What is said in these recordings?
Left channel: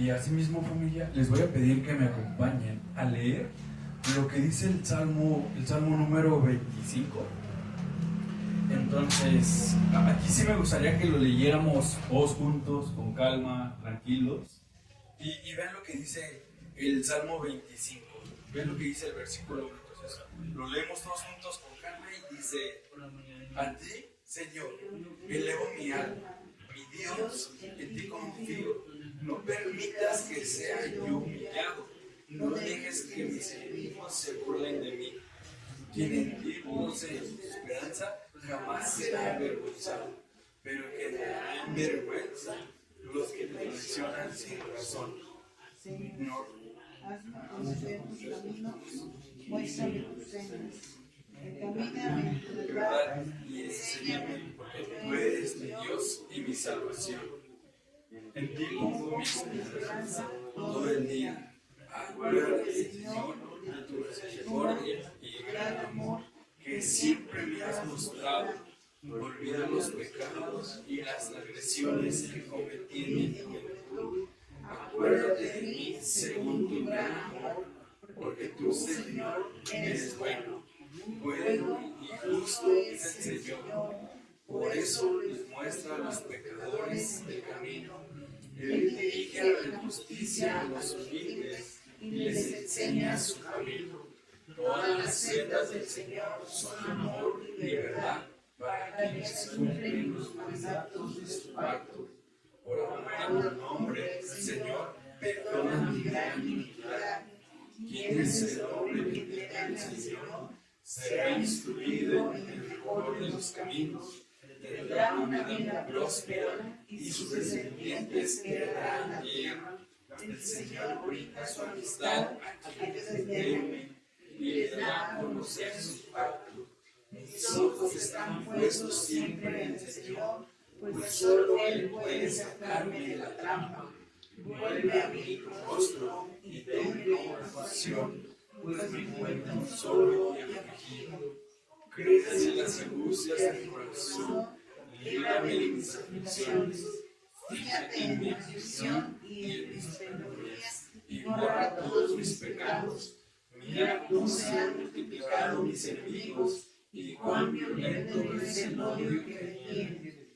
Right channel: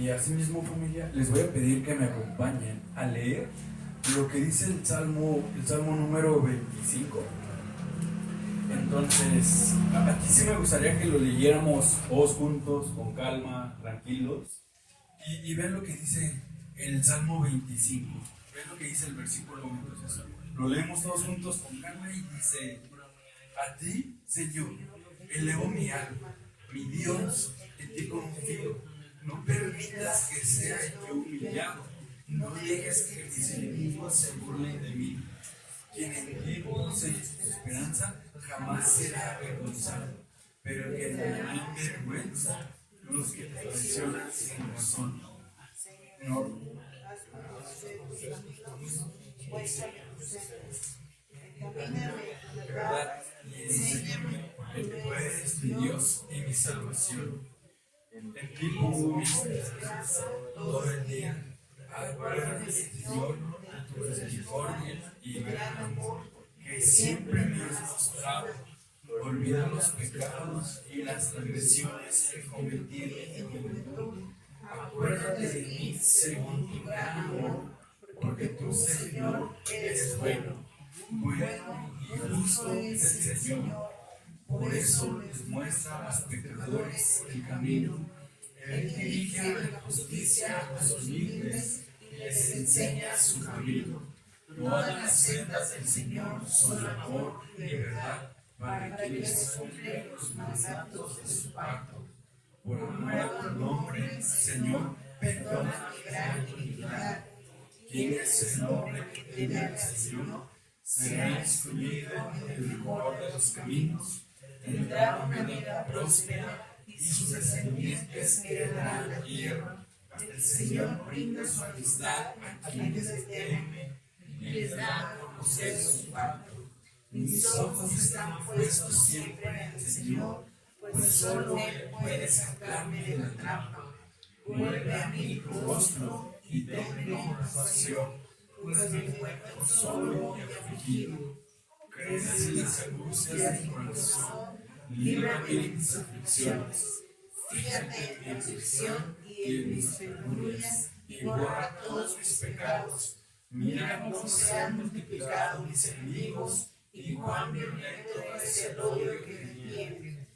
Y asimismo, familia, les voy a pedir que me acompañen a leer lo que dice el Salmo número 25. Entonces, aquí sí me gustaría que lo leyéramos todos juntos, con calma, tranquilos. Y vean lo que dice el Salmo 25. Vean lo que dice el versículo 1. Entonces, lo leemos todos juntos con calma y dice: a ti, Señor, elevo mi alma, mi Dios, en ti confío. No permitas que sea yo humillado. No dejes que mis enemigos se burlen de mí. Quien en ti pose su esperanza jamás será avergonzado, pero que tendrán vergüenza los que te traicionan sin razón. Señor, hazme conocer tus caminos, muéstrame tus sendas. Encamíname en de la verdad, verdad y enséñame, porque tú eres mi Dios y mi salvación. En ti pongo mi esperanza todo el día. Acuérdate, Señor, de tu misericordia y gran amor que siempre me has mostrado. Olvida los pecados y las transgresiones que cometí en mi juventud. Acuérdate de mí según tu gran amor, porque tú, Señor, eres bueno. Bueno y justo es el Señor. Por eso les muestra a los pecadores el camino. Él dirige a la justicia a los humildes y les enseña su camino. Todas las sendas del Señor son amor y verdad para quienes cumplen los mandatos de su pacto. Por amor a tu nombre, Señor, perdona mi gran iniquidad. ¿Quién es el hombre que teme al Señor? Será instruido en el mejor de los caminos. Tendrá una vida próspera y sus descendientes heredarán la tierra. El Señor brinda su amistad a quienes le temen y les da a conocer su pacto. Mis ojos están puestos siempre en el Señor, pues solo Él puede sacarme de la trampa. Vuelve a mí tu rostro y tenme compasión, pues me encuentro solo y afligido. Crece en las angustias de mi corazón, líbrame de mis aflicciones. Fíjate en mi aflicción y en mis penurias, y borra todos mis pecados. Mira cómo se han multiplicado mis enemigos, y cuán violento es el odio que me tienen.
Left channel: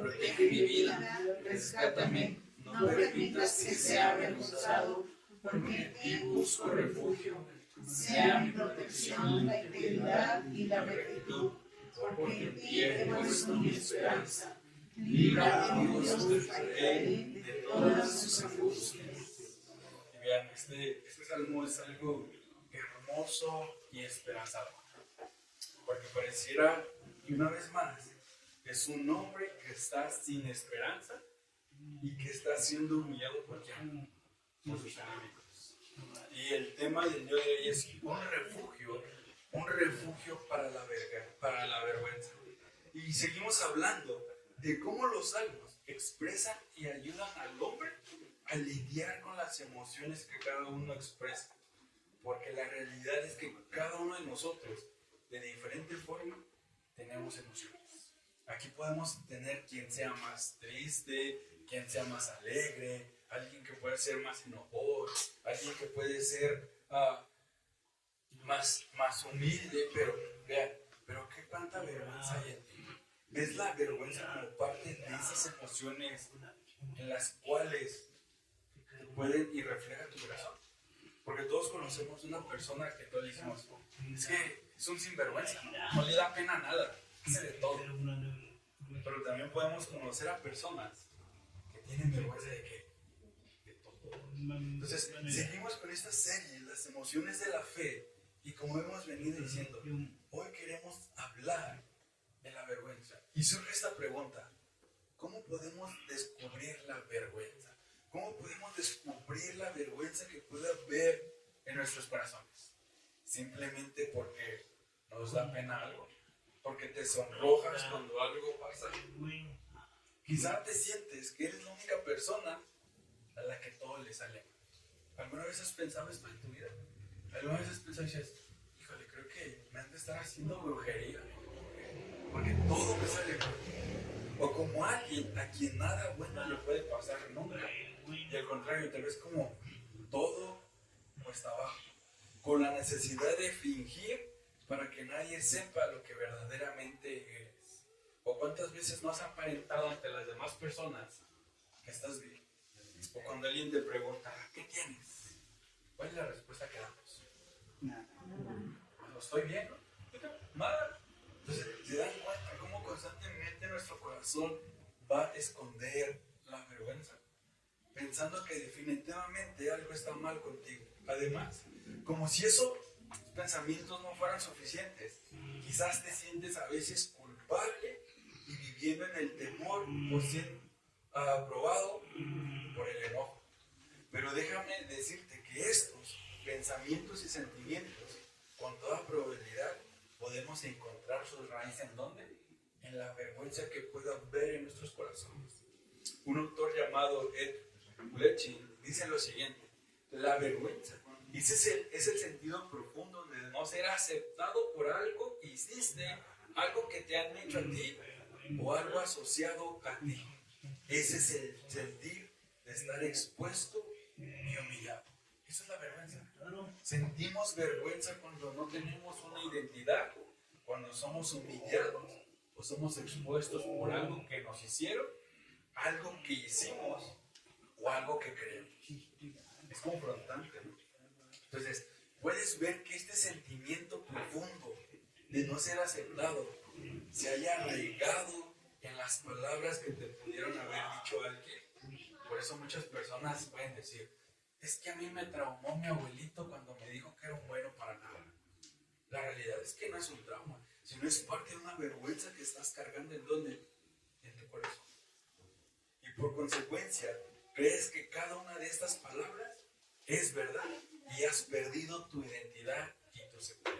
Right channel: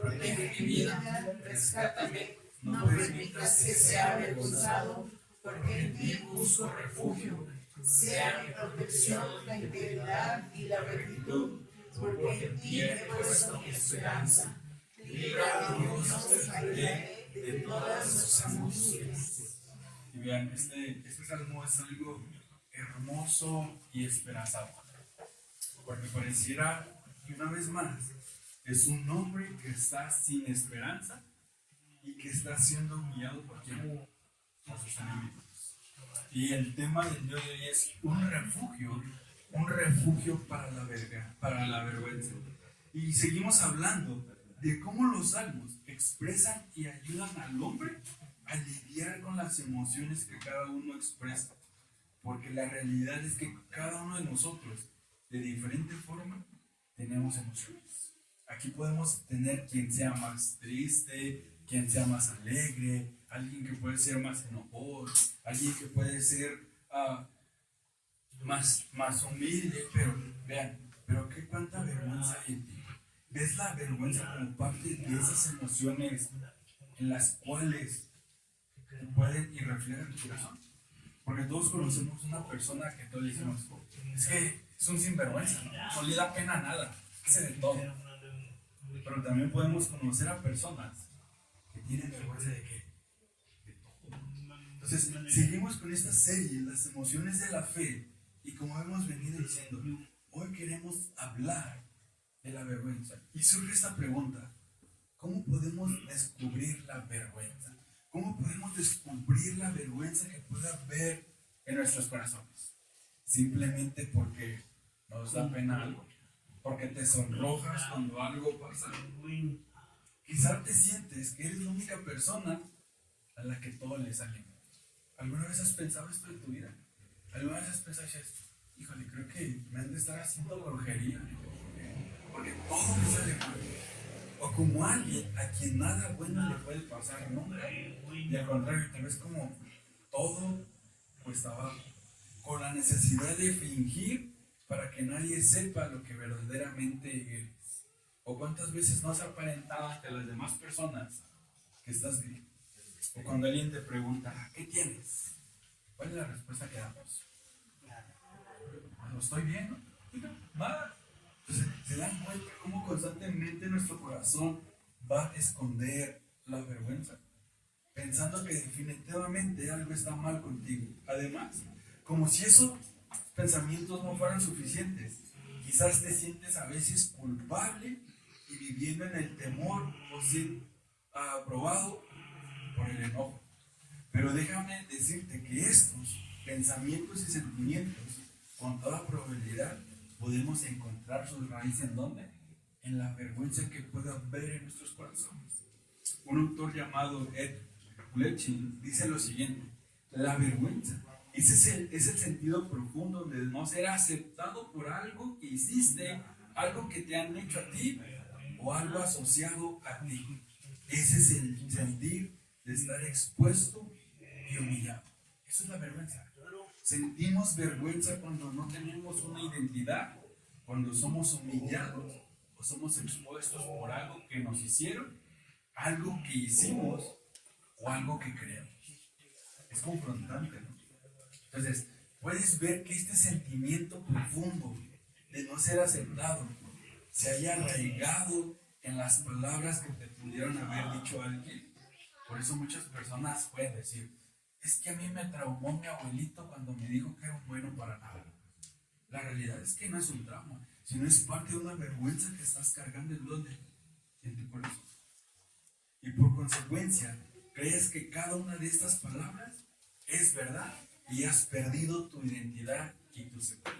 Protege mi vida, rescátame, no permitas que sea avergonzado, porque en ti busco refugio. Sea mi protección la integridad y la rectitud, porque en ti he puesto mi esperanza. Libra, Dios, de todas sus angustias. Y vean, este salmo es algo hermoso y esperanzador, porque pareciera que una vez más es un hombre que está sin esperanza y que está siendo humillado por quién, por sus enemigos. Y el tema del día de hoy es un refugio para la vergüenza. Y seguimos hablando de cómo los salmos expresan y ayudan al hombre a lidiar con las emociones que cada uno expresa. Porque la realidad es que cada uno de nosotros, de diferente forma, tenemos emociones. Aquí podemos tener quien sea más triste, quien sea más alegre, alguien que puede ser más enojado, alguien que puede ser más humilde, pero vean, pero qué cuánta vergüenza hay en ti. ¿Ves la vergüenza como parte de esas emociones en las cuales pueden y reflejan tu corazón? Porque todos conocemos una persona que todos decimos, es que es un sinvergüenza, no le da pena nada, hace de todo. Pero también podemos conocer a personas que tienen vergüenza de qué, de todo. Entonces, seguimos con esta serie, las emociones de la fe, y como hemos venido diciendo, hoy queremos hablar de la vergüenza. Y surge esta pregunta: ¿cómo podemos descubrir la vergüenza? ¿Cómo podemos descubrir la vergüenza que pueda haber en nuestros corazones? Simplemente porque nos da pena algo, porque te sonrojas cuando algo pasa. Quizá te sientes que eres la única persona a la que todo le sale mal. ¿Alguna vez has pensado esto en tu vida? ¿Alguna vez has pensado y dices, híjole, creo que me han de estar haciendo brujería, porque todo me sale mal? o como alguien a quien nada bueno le puede pasar nunca, y al contrario, tal vez como todo cuesta abajo, con la necesidad de fingir para que nadie sepa lo que verdaderamente eres. ¿O cuántas veces no has aparentado ante las demás personas que estás bien? O cuando alguien te pregunta, ¿qué tienes? ¿Cuál es la respuesta que damos? No estoy bien, ¿no? Nada. Entonces, ¿se dan cuenta cómo constantemente nuestro corazón va a esconder la vergüenza? Pensando que definitivamente algo está mal contigo. Además, como si esos pensamientos no fueran suficientes, quizás te sientes a veces culpable y viviendo en el temor por ser aprobado por el enojo. Pero déjame decirte que estos pensamientos y sentimientos, con toda probabilidad, podemos encontrar sus raíces ¿en dónde? En la vergüenza que pueda haber en nuestros corazones. Un autor llamado Ed Leching dice lo siguiente: la vergüenza es el sentido profundo de no ser aceptado por algo que hiciste, algo que te han hecho a ti o algo asociado a ti. Ese es el sentir de estar expuesto y humillado. Eso es la vergüenza. Sentimos vergüenza cuando no tenemos una identidad, cuando somos humillados o somos expuestos por algo que nos hicieron, algo que hicimos o algo que creemos. Es confrontante, ¿no? Entonces, puedes ver que este sentimiento profundo de no ser aceptado se haya arraigado en las palabras que te pudieron haber dicho alguien. Por eso muchas personas pueden decir, es que a mí me traumó mi abuelito cuando me dijo que era un bueno para nada. La realidad es que no es un trauma, sino es parte de una vergüenza que estás cargando en donde, en tu corazón. Y por consecuencia, crees que cada una de estas palabras es verdad y has perdido tu identidad y tu seguridad.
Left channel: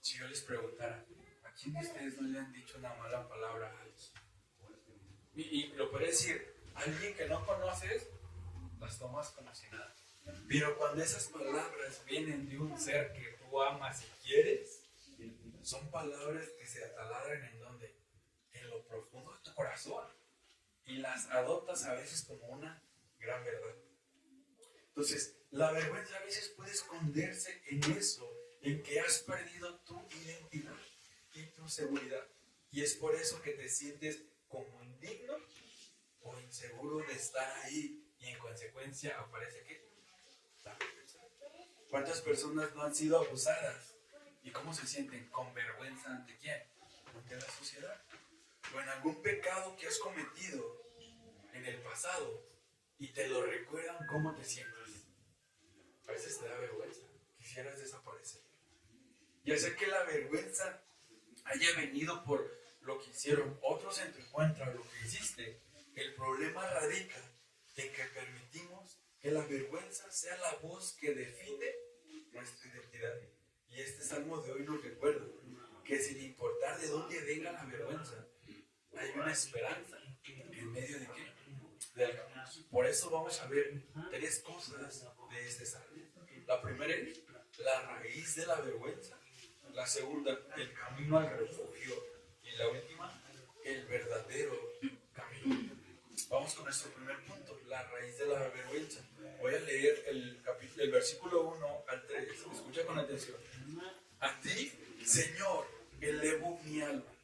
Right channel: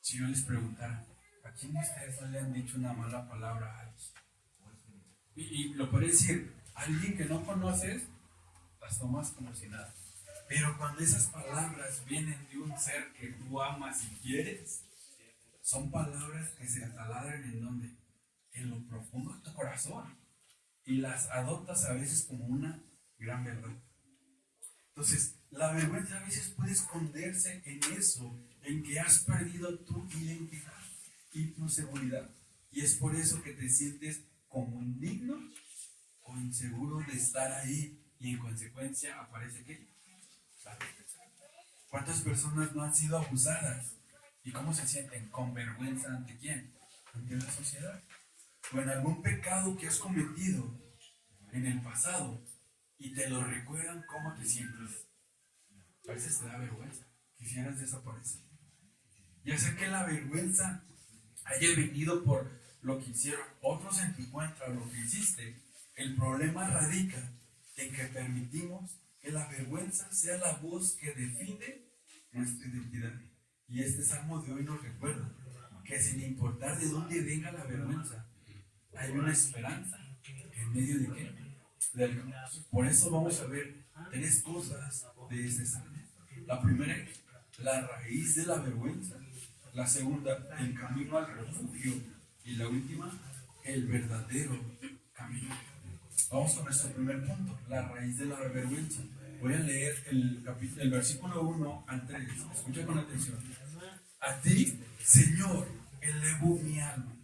Si yo les preguntara, ¿a quién de ustedes no le han dicho una mala palabra a alguien? Y lo puede decir, alguien que no conoces, las tomas como si nada. Pero cuando esas palabras vienen de un ser que tú amas y quieres, son palabras que se ataladran en donde, en lo profundo de tu corazón, y las adoptas a veces como una gran verdad. Entonces, la vergüenza a veces puede esconderse en eso, en que has perdido tu identidad y tu seguridad. Y es por eso que te sientes como indigno o inseguro de estar ahí, y en consecuencia aparece ¿qué? La vergüenza. ¿Cuántas personas no han sido abusadas? ¿Y cómo se sienten? Con vergüenza ¿ante quién? Ante la sociedad. O en algún pecado que has cometido en el pasado y te lo recuerdan, ¿cómo te sientes? A veces te da vergüenza, quisieras desaparecer. Ya sea que la vergüenza haya venido por lo que hicieron otros en tu contra, lo que hiciste, el problema radica en que permitimos que la vergüenza sea la voz que define nuestra identidad. Y este salmo de hoy nos recuerda que sin importar de dónde venga la vergüenza, hay una esperanza en medio de qué? Por eso vamos a ver tres cosas de este salmo. La primera es la raíz de la vergüenza. La segunda, el camino al refugio. Y la última, el verdadero camino. Vamos con nuestro primer punto, la raíz de la vergüenza. Voy a leer el versículo 1 al 3. Escucha con atención. A ti, Señor, elevo mi alma.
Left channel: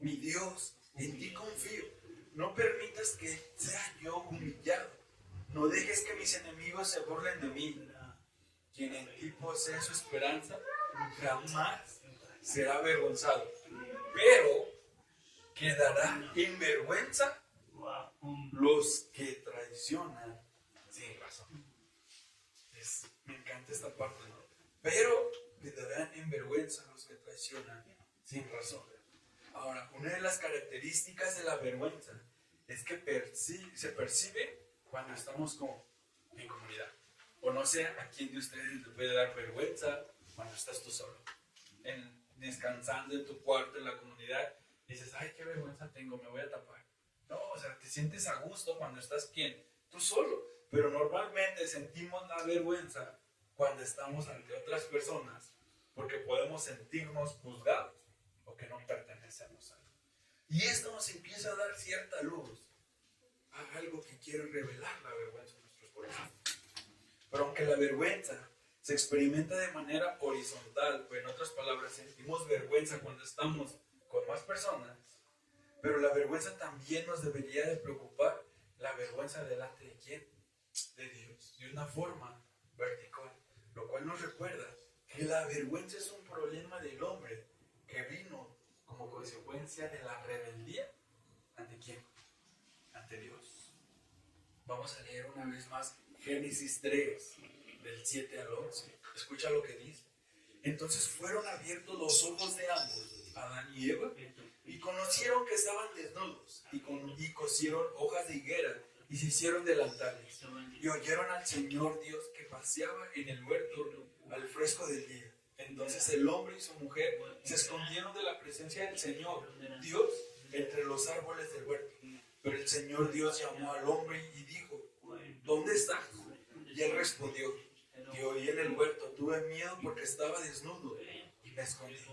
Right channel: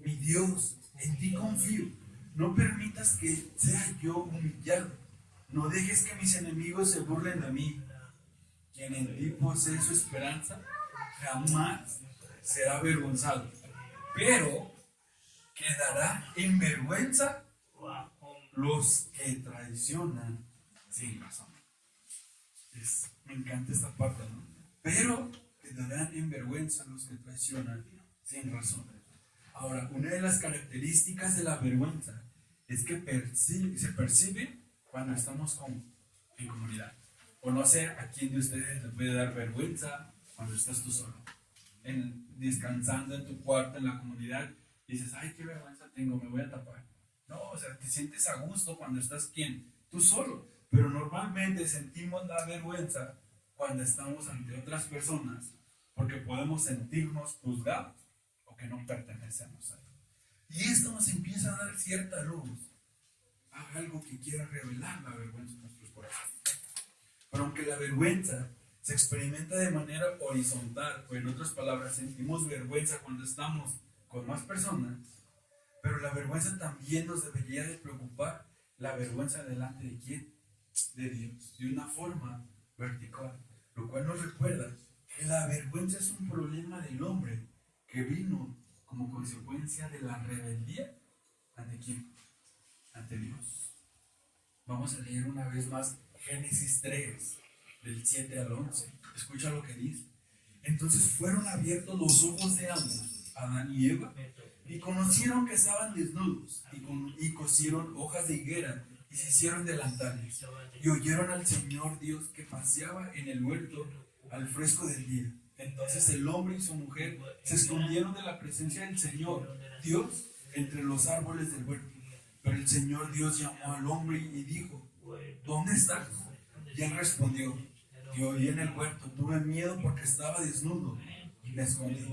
Mi Dios, en ti confío. No permitas que sea yo humillado. No dejes que mis enemigos se burlen de mí. Quien en ti posee su esperanza jamás será avergonzado, pero quedará en vergüenza los que traicionan sin razón. Me encanta esta parte, ¿no? Pero quedarán en vergüenza los que traicionan sin razón. Ahora, una de las características de la vergüenza es que se percibe cuando estamos en comunidad. O no sé a quién de ustedes le puede dar vergüenza cuando estás tú solo, descansando en tu cuarto en la comunidad. Dices, ay, qué vergüenza tengo, me voy a tapar. No, o sea, te sientes a gusto cuando estás tú solo. Pero normalmente sentimos la vergüenza cuando estamos ante otras personas porque podemos sentirnos juzgados o que no pertenecemos a él. Y esto nos empieza a dar cierta luz a algo que quiere revelar la vergüenza en nuestros corazones. Pero aunque la vergüenza se experimenta de manera horizontal, o en otras palabras, sentimos vergüenza cuando estamos con más personas, pero la vergüenza también nos debería de preocupar, la vergüenza delante de quién, de Dios, de una forma vertical, lo cual nos recuerda que la vergüenza es un problema del hombre que vino como consecuencia de la rebeldía. ¿Ante quién? Ante Dios. Vamos a leer una vez más Génesis 3, del 7 al 11. Escucha lo que dice. Entonces fueron abiertos los ojos de ambos, Adán y Eva, y conocieron que estaban desnudos, y cosieron hojas de higuera, y se hicieron delantales, y oyeron al Señor Dios que paseaba en el huerto al fresco del día. Entonces el hombre y su mujer se escondieron de la presencia del Señor Dios entre los árboles del huerto. Pero el Señor Dios llamó al hombre y dijo, ¿dónde estás? Y él respondió, que oí en el huerto, tuve miedo porque estaba desnudo y me escondí.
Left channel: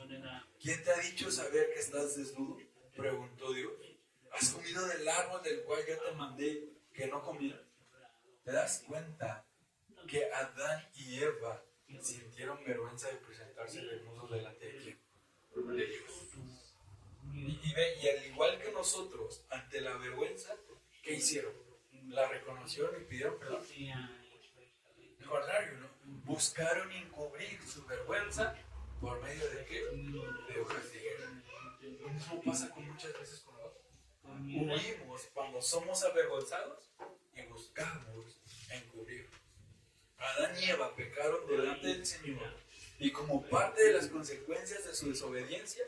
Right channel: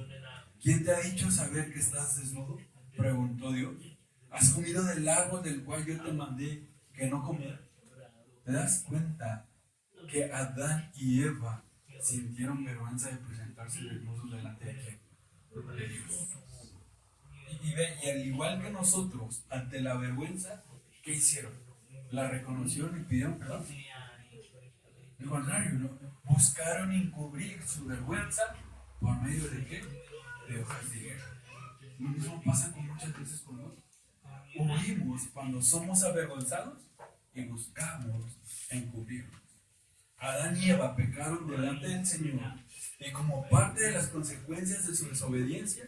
¿Quién te ha dicho saber que estás desnudo? Preguntó Dios. ¿Has comido del árbol del cual yo te mandé que no comieras? ¿Te das cuenta que Adán y Eva sintieron vergüenza de presentarse desnudos delante de quién? De Dios. Y al igual que nosotros, ante la vergüenza, ¿qué hicieron? La reconocieron y pidieron perdón. Al contrario, ¿no? Buscaron encubrir su vergüenza por medio de qué? De hojas de higuera. Lo mismo pasa muchas veces con nosotros. Huimos cuando somos avergonzados y buscamos encubrir. Adán y Eva pecaron delante del Señor y como parte de las consecuencias de su desobediencia,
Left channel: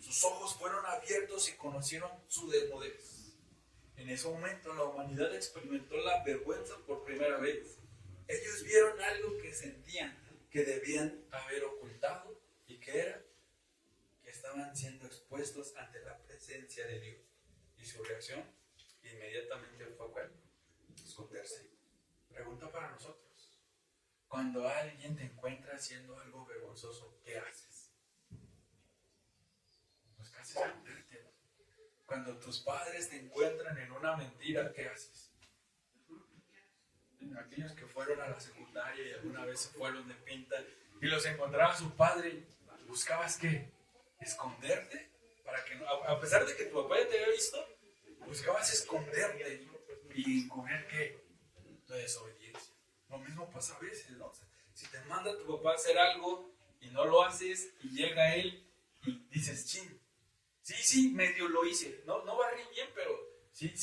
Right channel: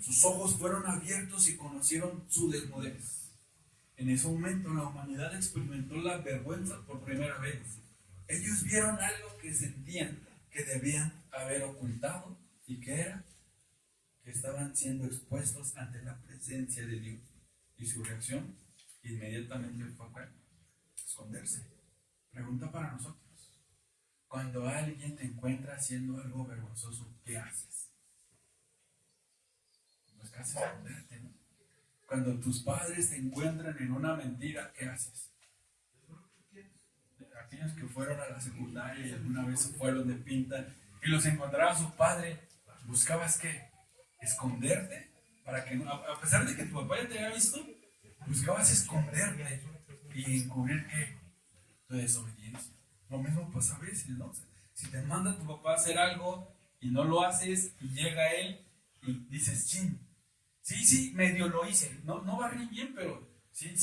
sus ojos fueron abiertos y conocieron su desnudez. En ese momento la humanidad experimentó la vergüenza por primera vez. Ellos vieron algo que sentían que debían haber ocultado y que era que estaban siendo expuestos ante la presencia de Dios. Y su reacción inmediatamente fue esconderse. Pregunta para nosotros. Cuando alguien te encuentra haciendo algo vergonzoso, ¿qué haces? Pues casi esconderte, ¿no? Cuando tus padres te encuentran en una mentira, ¿qué haces? Aquellos que fueron a la secundaria y alguna vez se fueron de pinta y los encontraba su padre, ¿buscabas qué? Esconderte para que no, a pesar de que tu papá ya te había visto, buscabas esconderte y encubrir qué? Tu desobediencia. Lo mismo pasa a veces, ¿no? O sea, si te manda tu papá a hacer algo y no lo haces y llega él y dices, chin, sí, medio lo hice, no barrí bien, pero sí,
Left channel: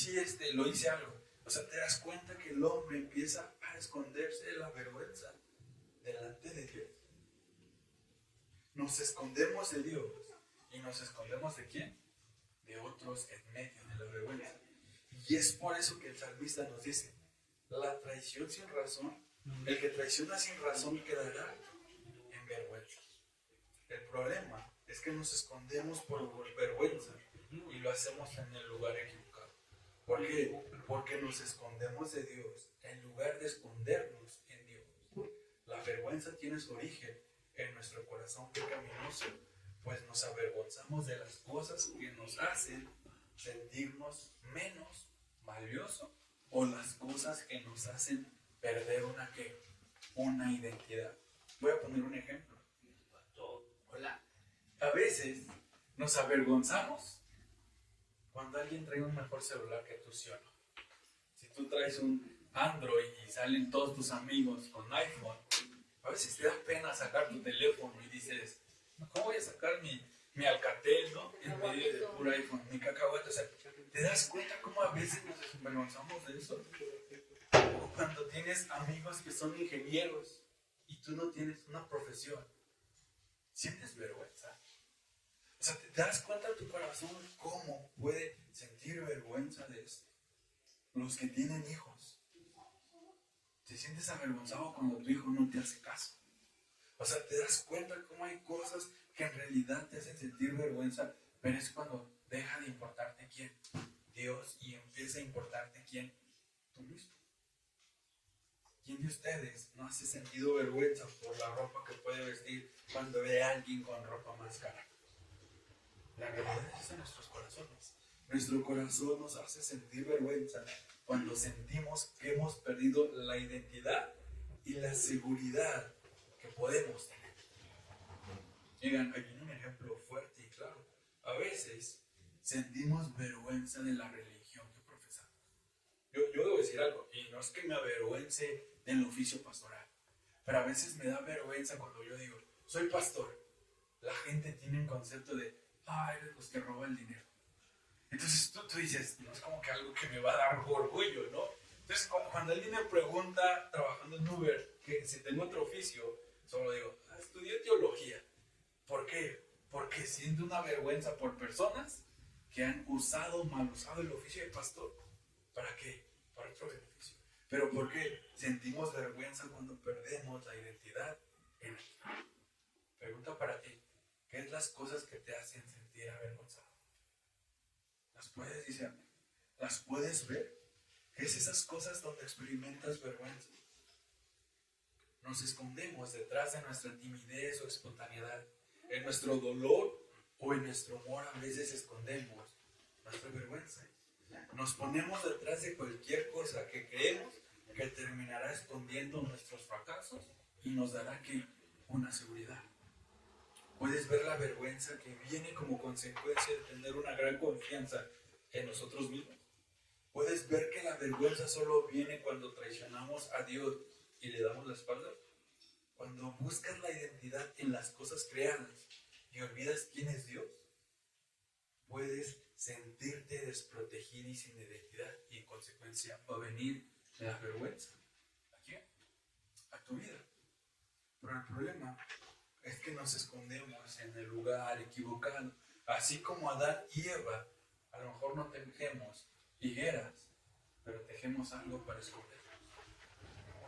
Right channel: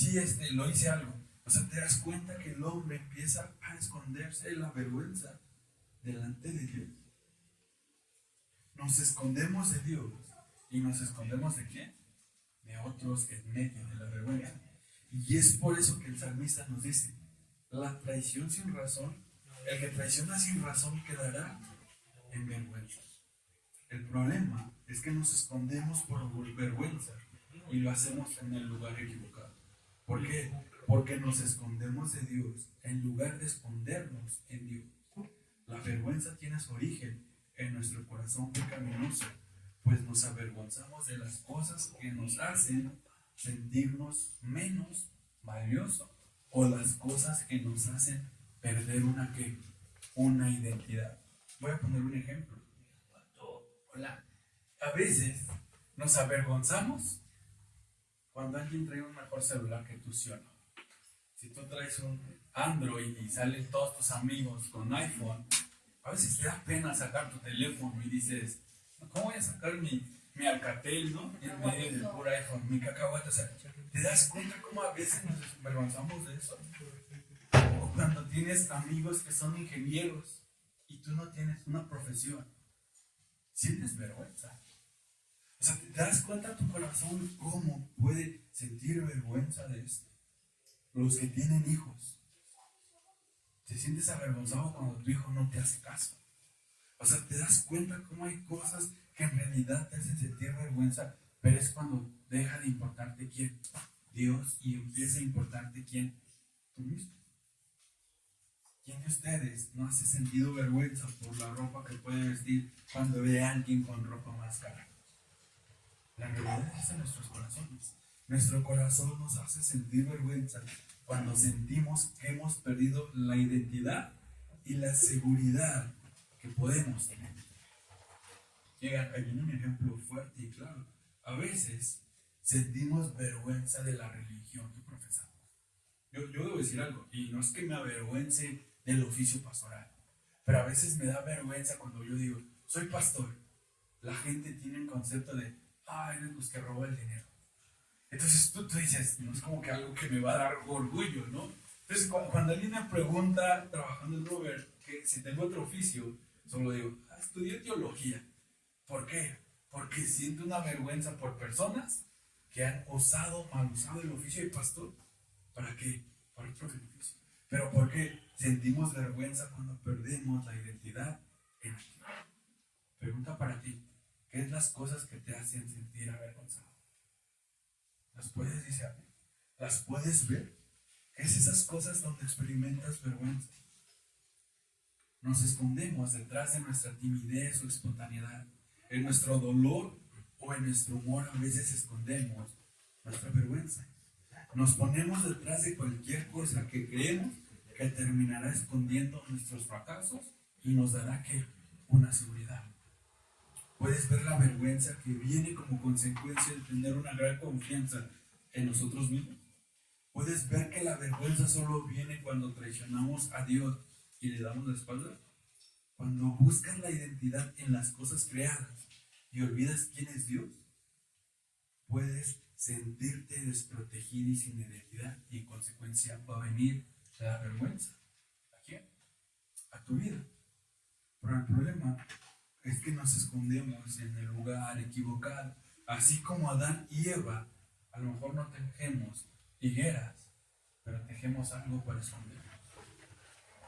lo hice algo. O sea, te das cuenta que el hombre empieza a esconderse de la vergüenza delante de Dios. Nos escondemos de Dios y nos escondemos de quién? De otros en medio de la vergüenza. Y es por eso que el salmista nos dice, la traición sin razón, el que traiciona sin razón quedará en vergüenza. El problema es que nos escondemos por vergüenza y lo hacemos en el lugar equivocado. ¿Por qué? Porque nos escondemos de Dios en lugar de escondernos en Dios. La vergüenza tiene su origen en nuestro corazón pecaminoso, pues nos avergonzamos de las cosas que nos hacen sentirnos menos valiosos o las cosas que nos hacen perder una identidad. Voy a poner un ejemplo. Hola. A veces nos avergonzamos cuando alguien trae un mejor celular que tú, ¿sí o no? Si tú traes un Android y salen todos tus amigos con iPhone, a veces te da pena sacar tu teléfono y dices, ¿cómo voy a sacar mi Alcatel, ¿no? En medio del puro iPhone, mi cacahuate. O sea, ¿te das cuenta cómo a veces nos avergonzamos de eso? O cuando tienes amigos que son ingenieros y tú no tienes una profesión, sientes vergüenza. O sea, ¿te das cuenta tu corazón cómo puede sentir vergüenza de esto? Los que tienen hijos, te sientes avergonzado cuando tu hijo no te hace caso. O sea, te das cuenta cómo hay cosas que en realidad te hacen sentir vergüenza, pero es cuando deja de importarte quién, Dios, y empieza a importarte quién, tú mismo. ¿Quién de ustedes no hace sentido vergüenza por la ropa que puede vestir cuando ve a alguien con ropa más cara? La realidad es en nuestros corazones. Nuestro corazón nos hace sentir vergüenza cuando sentimos que hemos perdido la identidad y la seguridad que podemos tener. Llegan, ahí viene un ejemplo fuerte y claro. A veces sentimos vergüenza de la religión que profesamos. Yo debo decir algo, y no es que me avergüence del oficio pastoral, pero a veces me da vergüenza cuando yo digo, soy pastor. La gente tiene un concepto de, eres los que roban el dinero. Entonces tú dices, no es como que algo que me va a dar orgullo, ¿no? Entonces cuando alguien me pregunta, trabajando en Uber, que si tengo otro oficio, solo digo, estudié teología. ¿Por qué? Porque siento una vergüenza por personas que han mal usado el oficio de pastor. ¿Para qué? Para otro beneficio. Pero ¿por qué sentimos vergüenza cuando perdemos la identidad en aquí? Pregunta para ti, ¿qué es las cosas que te hacen sentir avergonzado? ¿Las puedes discernir? ¿Las puedes ver? ¿Qué es esas cosas donde experimentas vergüenza? Nos escondemos detrás de nuestra timidez o espontaneidad. En nuestro dolor o en nuestro humor a veces escondemos nuestra vergüenza. Nos ponemos detrás de cualquier cosa que creemos que terminará escondiendo nuestros fracasos y nos dará ¿qué? Una seguridad. Puedes ver la vergüenza que viene como consecuencia de tener una gran confianza en nosotros mismos. Puedes ver que la vergüenza solo viene cuando traicionamos a Dios y le damos la espalda. Cuando buscas la identidad en las cosas creadas y olvidas quién es Dios, puedes sentirte desprotegido y sin identidad, y en consecuencia va a venir la vergüenza. ¿A quién? A tu vida. Pero el problema es que nos escondemos en el lugar equivocado. Así como Adán y Eva, a lo mejor no tejemos higueras, pero tejemos algo para esconder.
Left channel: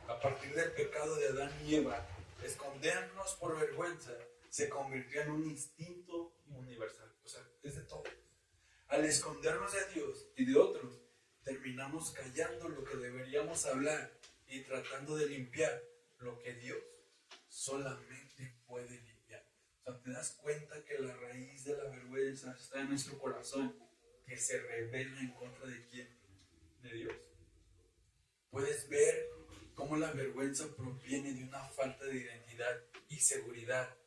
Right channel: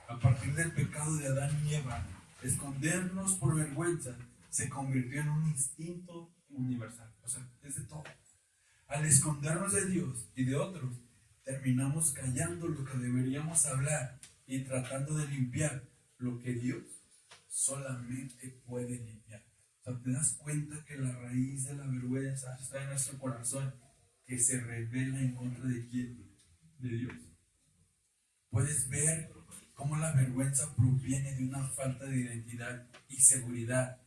A partir del pecado de Adán y Eva, escondernos por vergüenza se convirtió en un instinto universal. O sea, es de todo. Al escondernos de Dios y de otros, terminamos callando lo que deberíamos hablar y tratando de limpiar lo que Dios solamente puede limpiar. O sea, te das cuenta que la raíz de la vergüenza está en nuestro corazón, que se revela en contra de quién, de Dios. Puedes ver cómo la vergüenza proviene de una falta de identidad y seguridad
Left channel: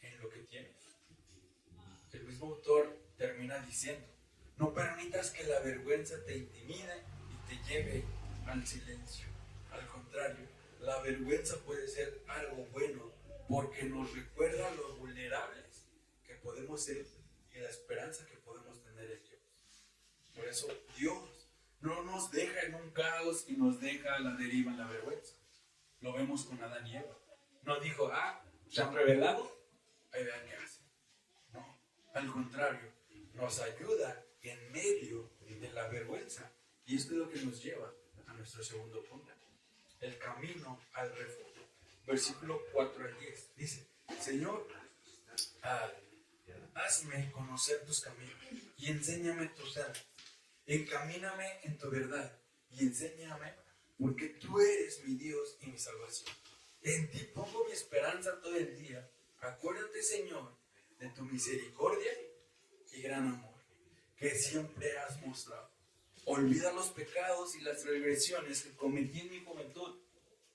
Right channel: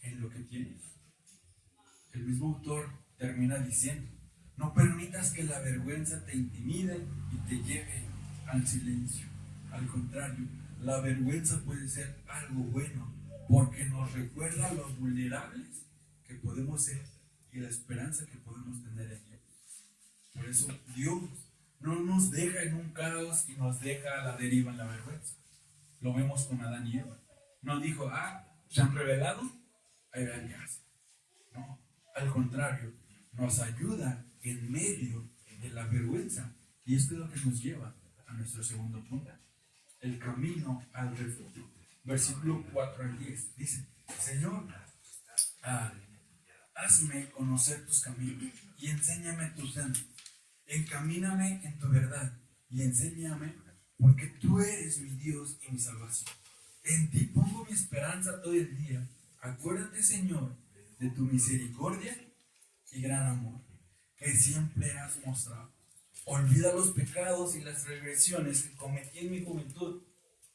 en lo que tienes. El mismo autor termina diciendo, no permitas que la vergüenza te intimide y te lleve al silencio. Al contrario, la vergüenza puede ser algo bueno porque nos recuerda lo vulnerables que podemos ser y la esperanza que podemos tener en Dios. Por eso Dios no nos deja en un caos y nos deja a la deriva en la vergüenza. Lo vemos con Adán y Eva. No dijo, se han revelado, ahí vean qué hacen. No, al contrario, nos ayuda en medio de la vergüenza. Y esto es lo que nos lleva a nuestro segundo punto. El camino al refugio. Versículo 4 al 10. Dice, Señor, hazme conocer tus caminos y enséñame tus sendas. Encamíname en tu verdad y enséñame, porque tú eres mi Dios y mi salvación. En ti pongo mi esperanza todo el día. Acuérdate, Señor, de tu misericordia y gran amor, que siempre has mostrado. Olvida los pecados y las regresiones que cometí en mi juventud.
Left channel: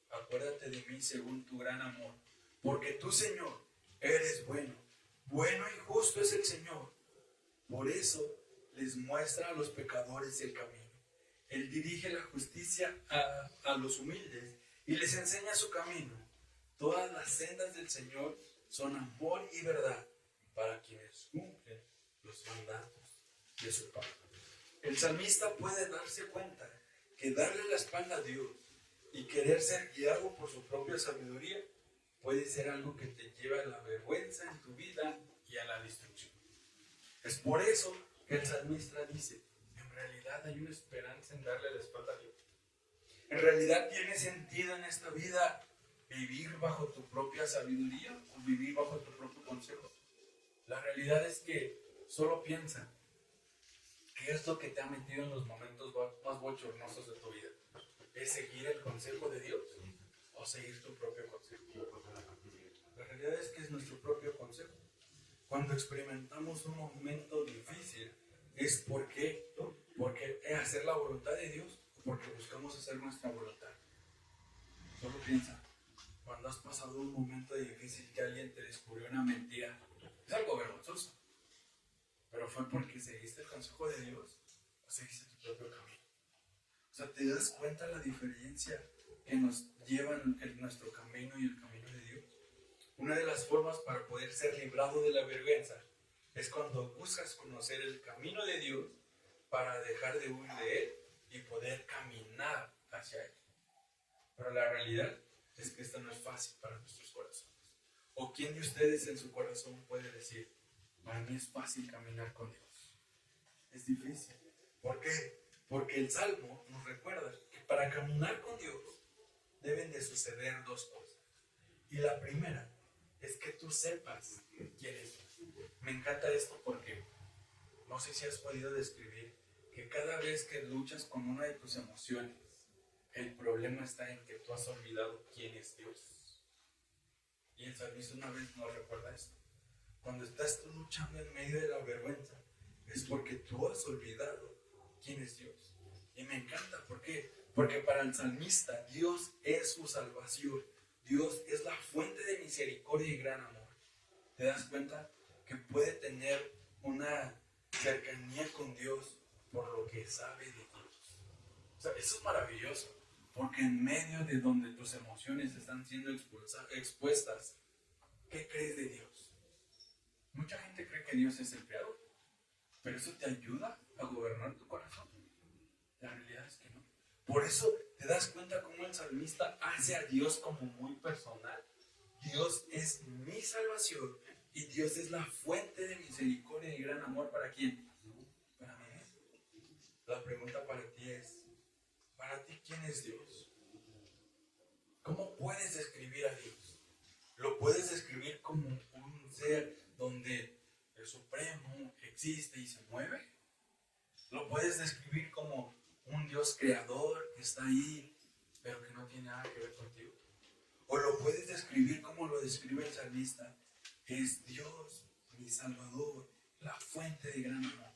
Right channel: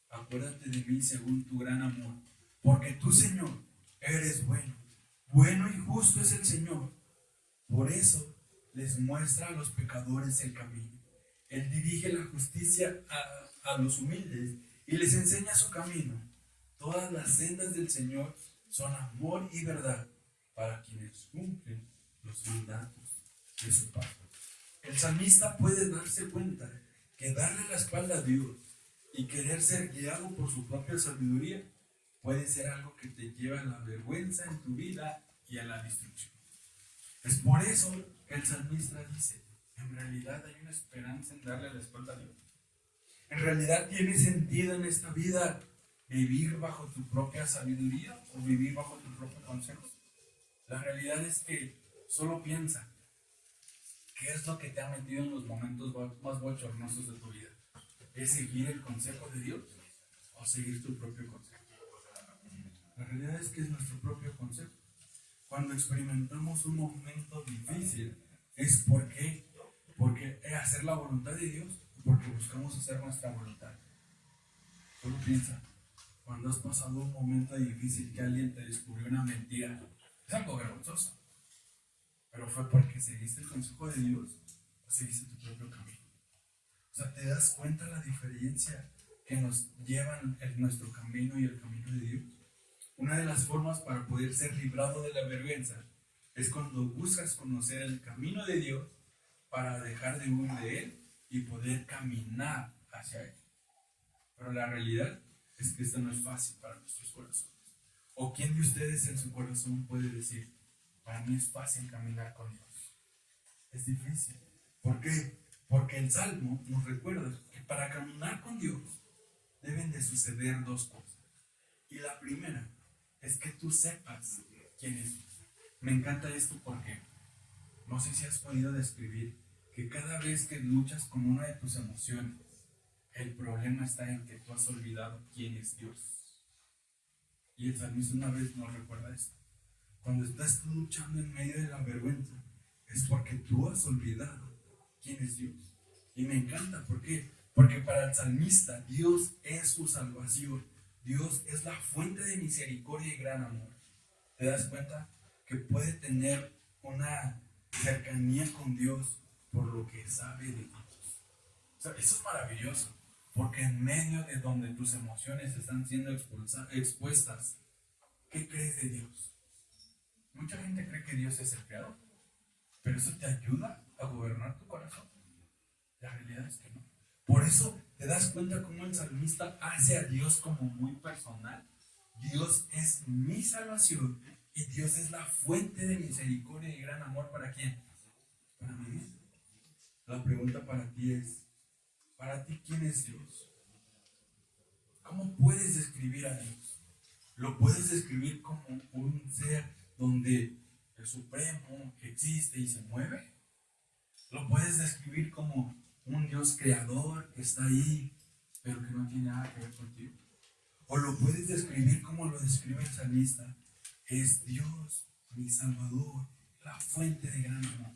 Acuérdate de mí según tu gran amor, porque tú, Señor, eres bueno. Bueno y justo es el Señor. Por eso les muestra a los pecadores el camino. Él dirige la justicia a los humildes y les enseña su camino. Todas las sendas del Señor son amor y verdad para quienes cumplen los mandatos de su Padre. El salmista puede darse cuenta que darle la espalda a Dios y querer ser guiado por su propia sabiduría puede ser algo que te lleva a la vergüenza en tu vida y a la destrucción. Es por eso que el salmista dice, en realidad hay una esperanza en darle la espalda a Dios. En realidad tiene sentido en esta vida vivir bajo tu propia sabiduría o vivir bajo tu propio consejo. La realidad es que solo piensa, ¿qué es lo que te ha metido en los momentos más bochornosos de tu vida? ¿Es seguir el consejo de Dios o seguir tu propio consejo? La realidad es que es nuestro propio consejo. Cuando experimentamos un momento difícil, es porque hacer la voluntad de Dios, porque buscamos hacer nuestra voluntad. Solo piensa, cuando has pasado un momento difícil que alguien te descubrió una mentira, es algo vergonzoso, pero fue porque seguiste el consejo de Dios o seguiste tu propio camino. O sea, ¿te das cuenta la diferencia que nos llevan nuestro camino y el camino de Dios? Una de las formas para poder ser librado de la vergüenza es cuando buscas conocer el camino de Dios para dejar de huir de Él y poder caminar hacia Él. Pero la realidad es que esto no es fácil para nuestros corazones. ¿O quién de ustedes en su corazón puede decir, para mí es fácil caminar con Dios? Es difícil. ¿Por qué? Porque el Salmo nos recuerda que para caminar con Dios deben de suceder dos cosas. Y la primera es que tú sepas quién es Dios. Me encanta esto porque no sé si has podido describir que cada vez que luchas con una de tus emociones, el problema está en que tú has olvidado quién es Dios. Y el salmista una vez nos recuerda esto. Cuando estás tú luchando en medio de la vergüenza, es porque tú has olvidado quién es Dios. Y me encanta, ¿por qué? Porque para el salmista, Dios es su salvación. Dios es la fuente de misericordia y gran amor. ¿Te das cuenta? Que puede tener una cercanía con Dios por lo que sabe de Dios. O sea, eso es maravilloso, porque en medio de donde tus emociones están siendo expuestas, ¿qué crees de Dios? Mucha gente cree que Dios es el creador, pero eso te ayuda a gobernar tu corazón. La realidad es que no. Por eso te das cuenta cómo el salmista hace a Dios como muy personal. Dios es mi salvación y Dios es la fuente de misericordia y gran amor. ¿Para quién? Para mí. La pregunta para ti es, ¿para ti quién es Dios? ¿Cómo puedes describir a Dios? ¿Lo puedes describir como un ser donde el Supremo existe y se mueve? ¿Lo puedes describir como un Dios creador que está ahí, pero que no tiene nada que ver contigo? ¿O lo puedes describir como lo describe el salmista? Es Dios, mi Salvador, la fuente de gran amor.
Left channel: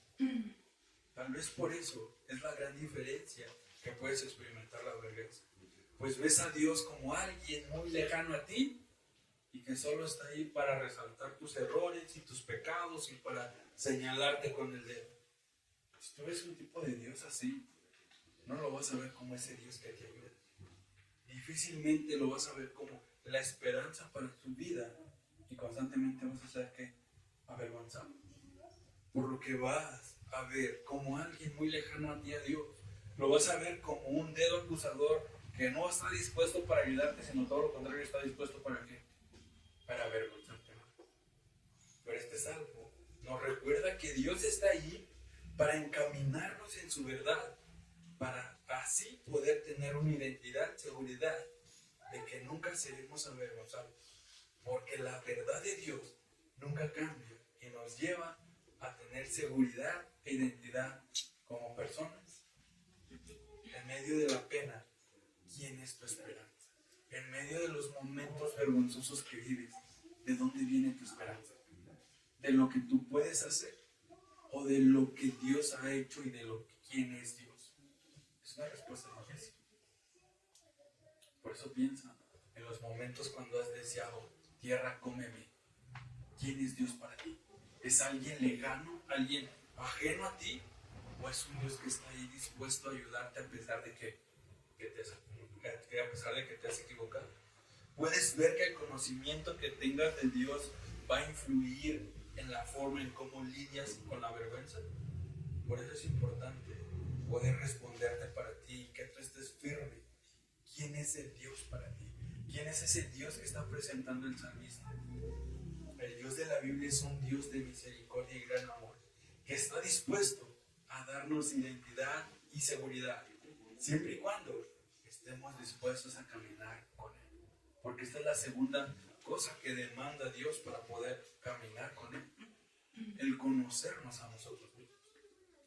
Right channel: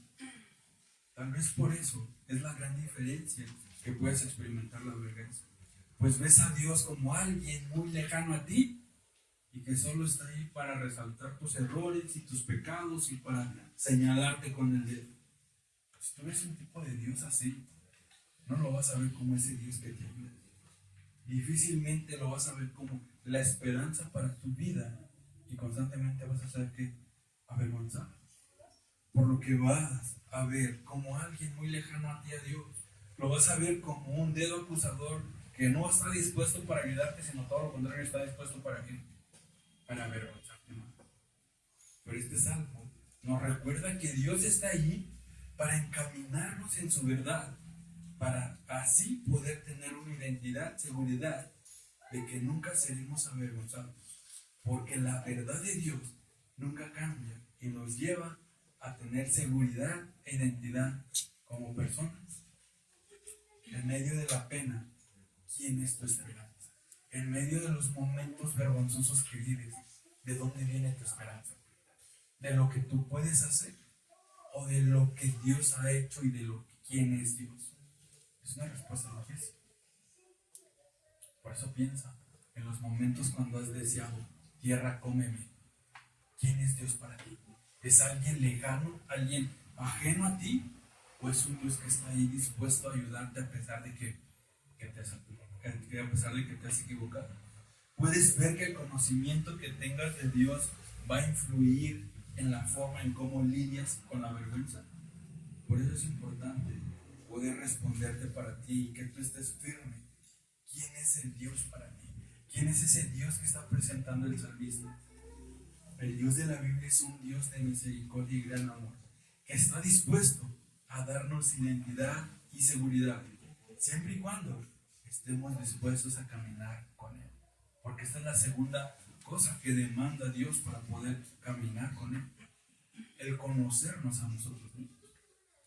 Tal vez por eso es la gran diferencia que puedes experimentar la vergüenza. Pues ves a Dios como alguien muy lejano a ti y que solo está ahí para resaltar tus errores y tus pecados y para señalarte con el dedo. Si tú ves un tipo de Dios así, no lo vas a ver como ese Dios que te ayuda. Difícilmente lo vas a ver como la esperanza para tu vida y constantemente vas a ser que avergonzado. Por lo que vas a ver como alguien muy lejano a ti, a Dios. Lo vas a ver como un dedo acusador que no está dispuesto para ayudarte, sino todo lo contrario, está dispuesto para qué? Para avergonzarte más. Pero este salmo nos recuerda que Dios está allí para encaminarnos en su verdad, para así poder tener una identidad, seguridad de que nunca seremos avergonzados, porque la verdad de Dios nunca cambia y nos lleva a tener seguridad e identidad como personas. En medio de la pena, ¿quién es tu esperanza? En medio de los momentos vergonzosos que vives, ¿de dónde viene tu esperanza? ¿De lo que tú puedes hacer? ¿O de lo que Dios ha hecho y de lo que quién es Dios? Es una respuesta difícil. Por eso piensa en los momentos cuando has deseado, tierra, cómeme. ¿Quién es Dios para ti? ¿Es alguien lejano, alguien ajeno a ti? ¿O es un Dios que está ahí dispuesto a ayudarte a pesar de que te has equivocado? Puedes ver que el conocimiento que tengas de Dios va a influir en la forma en cómo lidias con la vergüenza. Por eso es importante poder responderte para ti y que tú estés firme. ¿Quién es el Dios para ti? ¿Quién es ese Dios que está presentando el salmista? El Dios de la Biblia es un Dios de misericordia y gran amor, que está dispuesto a darnos identidad y seguridad, siempre y cuando estemos dispuestos a caminar con Él. Porque esta es la segunda cosa que demanda Dios para poder caminar con Él, el conocernos a nosotros mismos.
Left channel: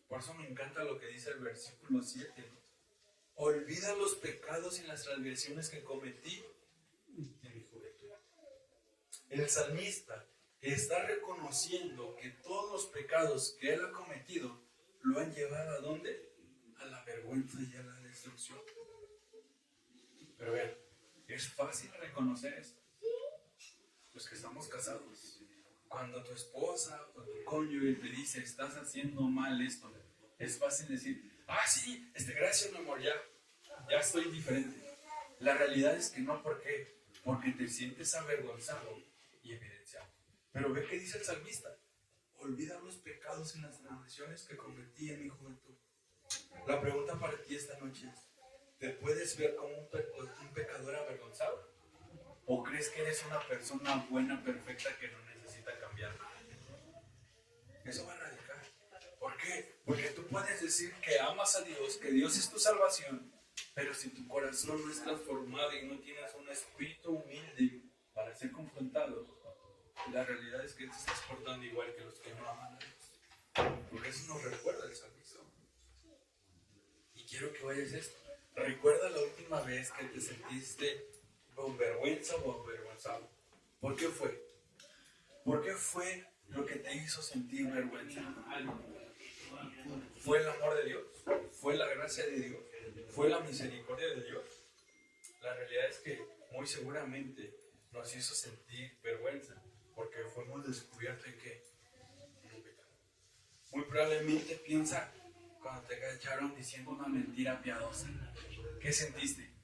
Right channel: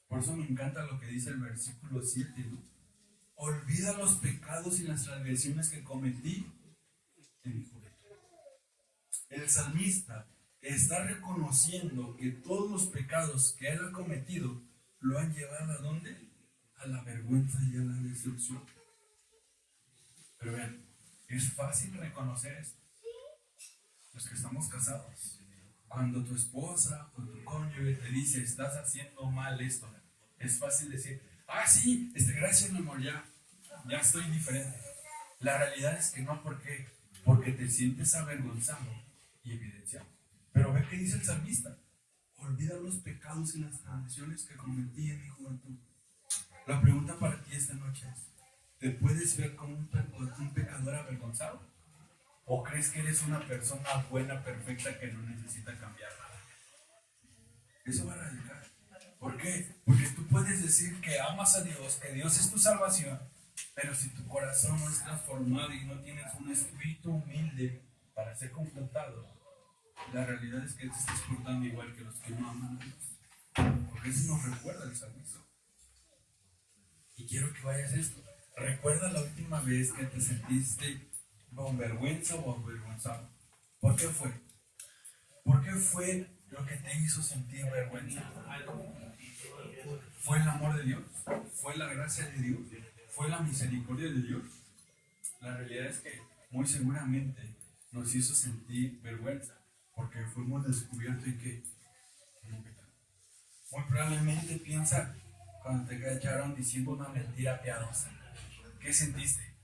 Por eso me encanta lo que dice el versículo 7, ¿no? Olvida los pecados y las transgresiones que cometí en mi juventud. El salmista está reconociendo que todos los pecados que él ha cometido lo han llevado ¿a dónde? A la vergüenza y a la destrucción. Pero vean, es fácil reconocer esto. Los que estamos casados, cuando tu esposa o tu cónyuge te dice, estás haciendo mal esto, es fácil decir, sí, gracias mi amor, ya estoy diferente. La realidad es que no, ¿por qué? Porque te sientes avergonzado y evidenciado. Pero ve que dice el salmista, olvida los pecados y las transgresiones que cometí en mi juventud. La pregunta para ti esta noche es, ¿te puedes ver como un pecador avergonzado? ¿O crees que eres una persona buena, perfecta, que no necesita cambiar nada? Eso va a radicar. ¿Por qué? Porque tú puedes decir que amas a Dios, que Dios es tu salvación, pero si tu corazón no es transformado y no tienes un espíritu humilde para ser confrontado, la realidad es que te estás portando igual que los que no aman a Dios. Porque eso nos recuerda el salmista. Y quiero que vayas a esto. Recuerda la última vez que te sentiste con vergüenza o avergonzado. ¿Por qué fue? ¿Por qué fue lo que te hizo sentir vergüenza? ¿Fue el amor de Dios? ¿Fue la gracia de Dios? ¿Fue la misericordia de Dios? La realidad es que muy seguramente nos hizo sentir vergüenza porque fuimos descubiertos en qué? En un pecado. Muy probablemente piensa cuando te cacharon diciendo una mentira piadosa. ¿Qué sentiste?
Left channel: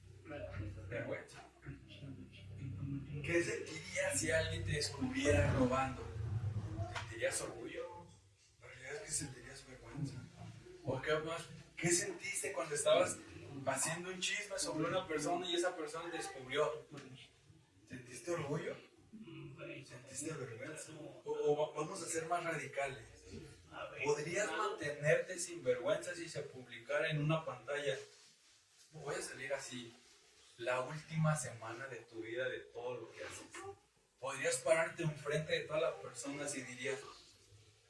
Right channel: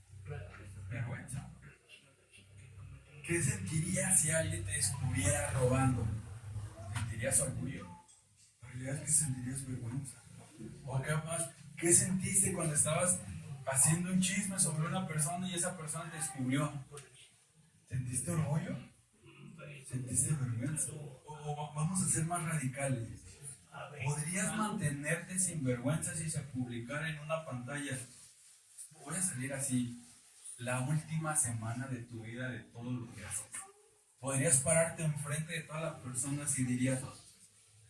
Vergüenza. ¿Qué sentirías si alguien te descubriera robando? ¿Sentirías orgullo? La realidad es que sentirías vergüenza. ¿O qué más? ¿Qué sentiste cuando estabas haciendo un chisme sobre una persona y esa persona te descubrió? ¿Sentiste orgullo? ¿Sentiste vergüenza? O vamos a ser más radicales. ¿Podrías mantenerte sin vergüenza si se publicara en una pantalla? Voy a salir así la última semana de tu vida, de todo lo que haces. ¿Podrías pararte enfrente de todas las personas y dirías,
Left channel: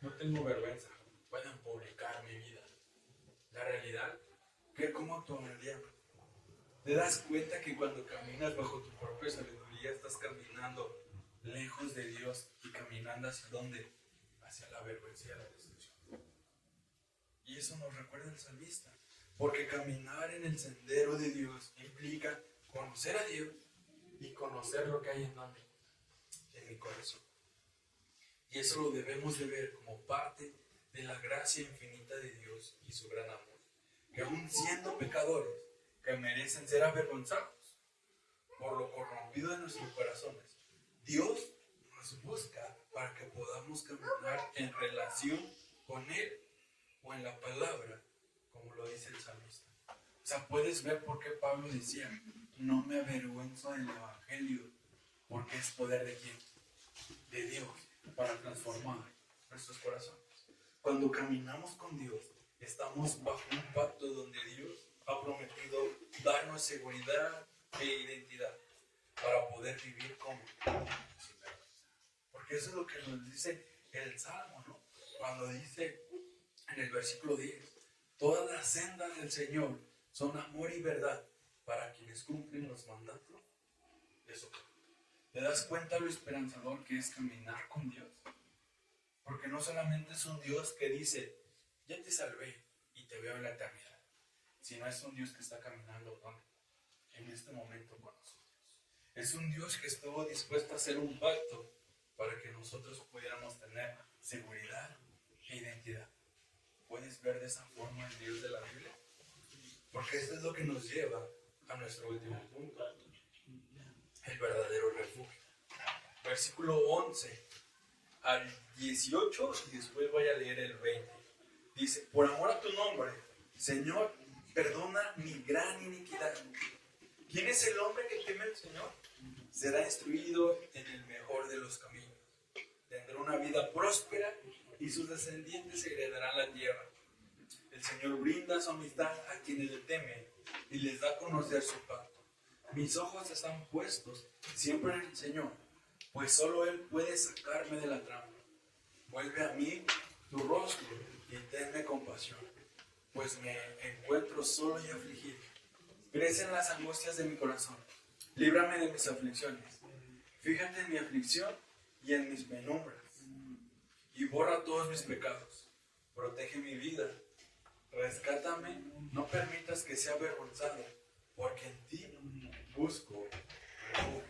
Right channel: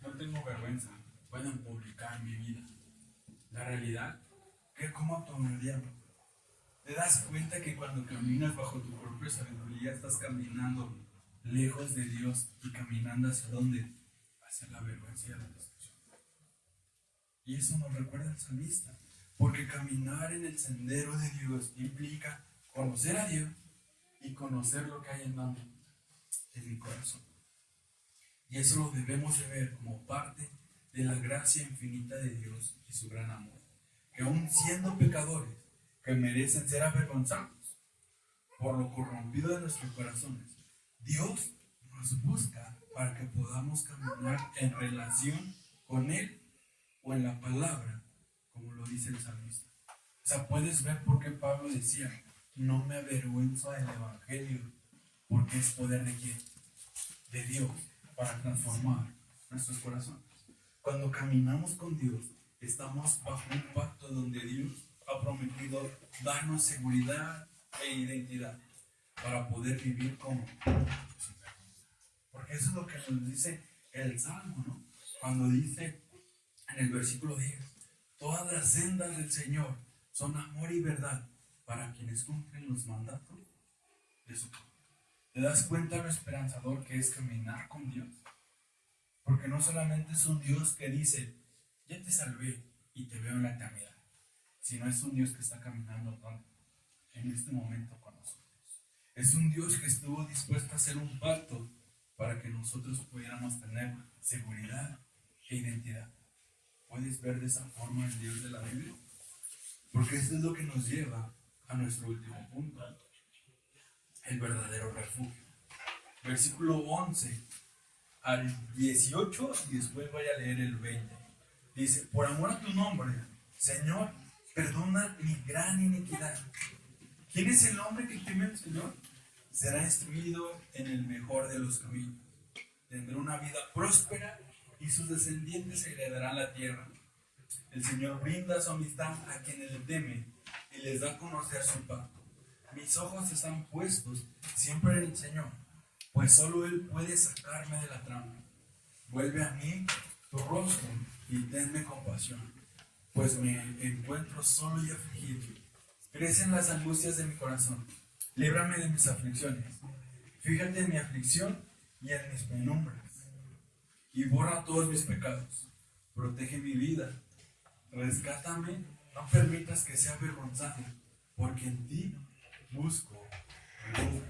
no tengo vergüenza, pueden publicar mi vida? La realidad, ¿cómo actuaríamos? ¿Te das cuenta que cuando caminas bajo tu propia sabiduría estás caminando lejos de Dios y caminando hacia dónde? Hacia la vergüenza y la destrucción. Y eso nos recuerda el salmista, porque caminar en el sendero de Dios implica conocer a Dios y conocer lo que hay en mi corazón. Y eso lo debemos de ver como parte de la gracia infinita de Dios y su gran amor, que aun siendo pecadores que merecen ser avergonzados por lo corrompido de nuestros corazones, Dios nos busca para que podamos caminar en relación con Él o en la palabra, como lo dice el salmista. O sea, puedes ver por qué Pablo decía, no me avergüenzo del Evangelio, porque es poder de quién? De Dios, para transformar nuestros corazones. Cuando caminamos con Dios, estamos bajo un pacto donde Dios ha prometido darnos seguridad e identidad para poder vivir como sin vergüenza. Porque eso es lo que nos dice el Salmo, ¿no? Cuando dice en el versículo 10, todas las sendas del Señor son amor y verdad para quienes cumplen los mandatos de su Padre. ¿Te das cuenta lo esperanzador que es caminar con Dios? Porque no solamente es un Dios que dice, ya te salvé y te veo en la eternidad, sino es un Dios que está caminando en este momento con nosotros. Es un Dios que estuvo dispuesto a hacer un pacto para que nosotros pudiéramos tener seguridad e identidad. ¿Puedes ver de esa forma el Dios de la Biblia? Porque esto es lo que nos lleva a nuestro último punto, el verdadero refugio. Versículo 11 al 18 y después voy a leer el 20. Dice, por amor a tu nombre, Señor, perdona mi gran iniquidad. ¿Quién es el hombre que teme al Señor? Será instruido en el mejor de los caminos. Tendrá una vida próspera y sus descendientes heredarán la tierra. El Señor brinda su amistad a quienes le temen y les da a conocer su pacto. Mis ojos están puestos siempre en el Señor, pues solo Él puede sacarme de la trampa. Vuelve a mí tu rostro y tenme compasión, pues me encuentro solo y afligido. Crecen las angustias de mi corazón. Líbrame de mis aflicciones. Fíjate en mi aflicción y en mis penumbras, y borra todos mis pecados. Protege mi vida rescátame, no permitas que sea avergonzado, porque en ti busco refugio.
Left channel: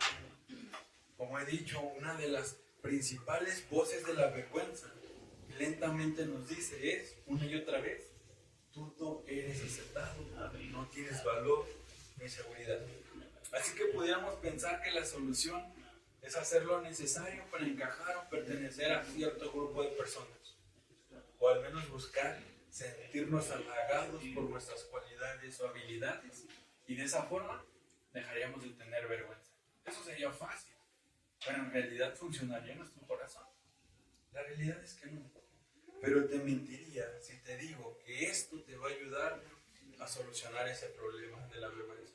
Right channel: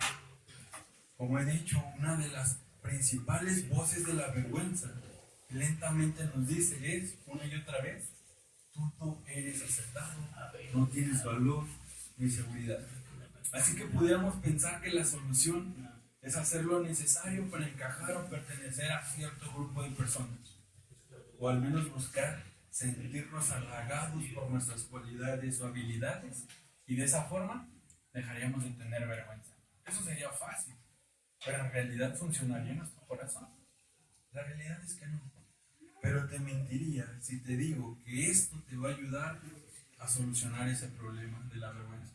Como he dicho, una de las principales voces de la vergüenza lentamente nos dice es, una y otra vez, tú no eres aceptado, no tienes valor ni seguridad. Así que pudiéramos pensar que la solución es hacer lo necesario para encajar o pertenecer a cierto grupo de personas, o al menos buscar sentirnos halagados por nuestras cualidades o habilidades, y de esa forma dejaríamos de tener vergüenza. Eso sería fácil, pero en realidad funcionaría en nuestro corazón. La realidad es que no. Pero te mentiría si te digo que esto te va a ayudar a solucionar ese problema de la vergüenza.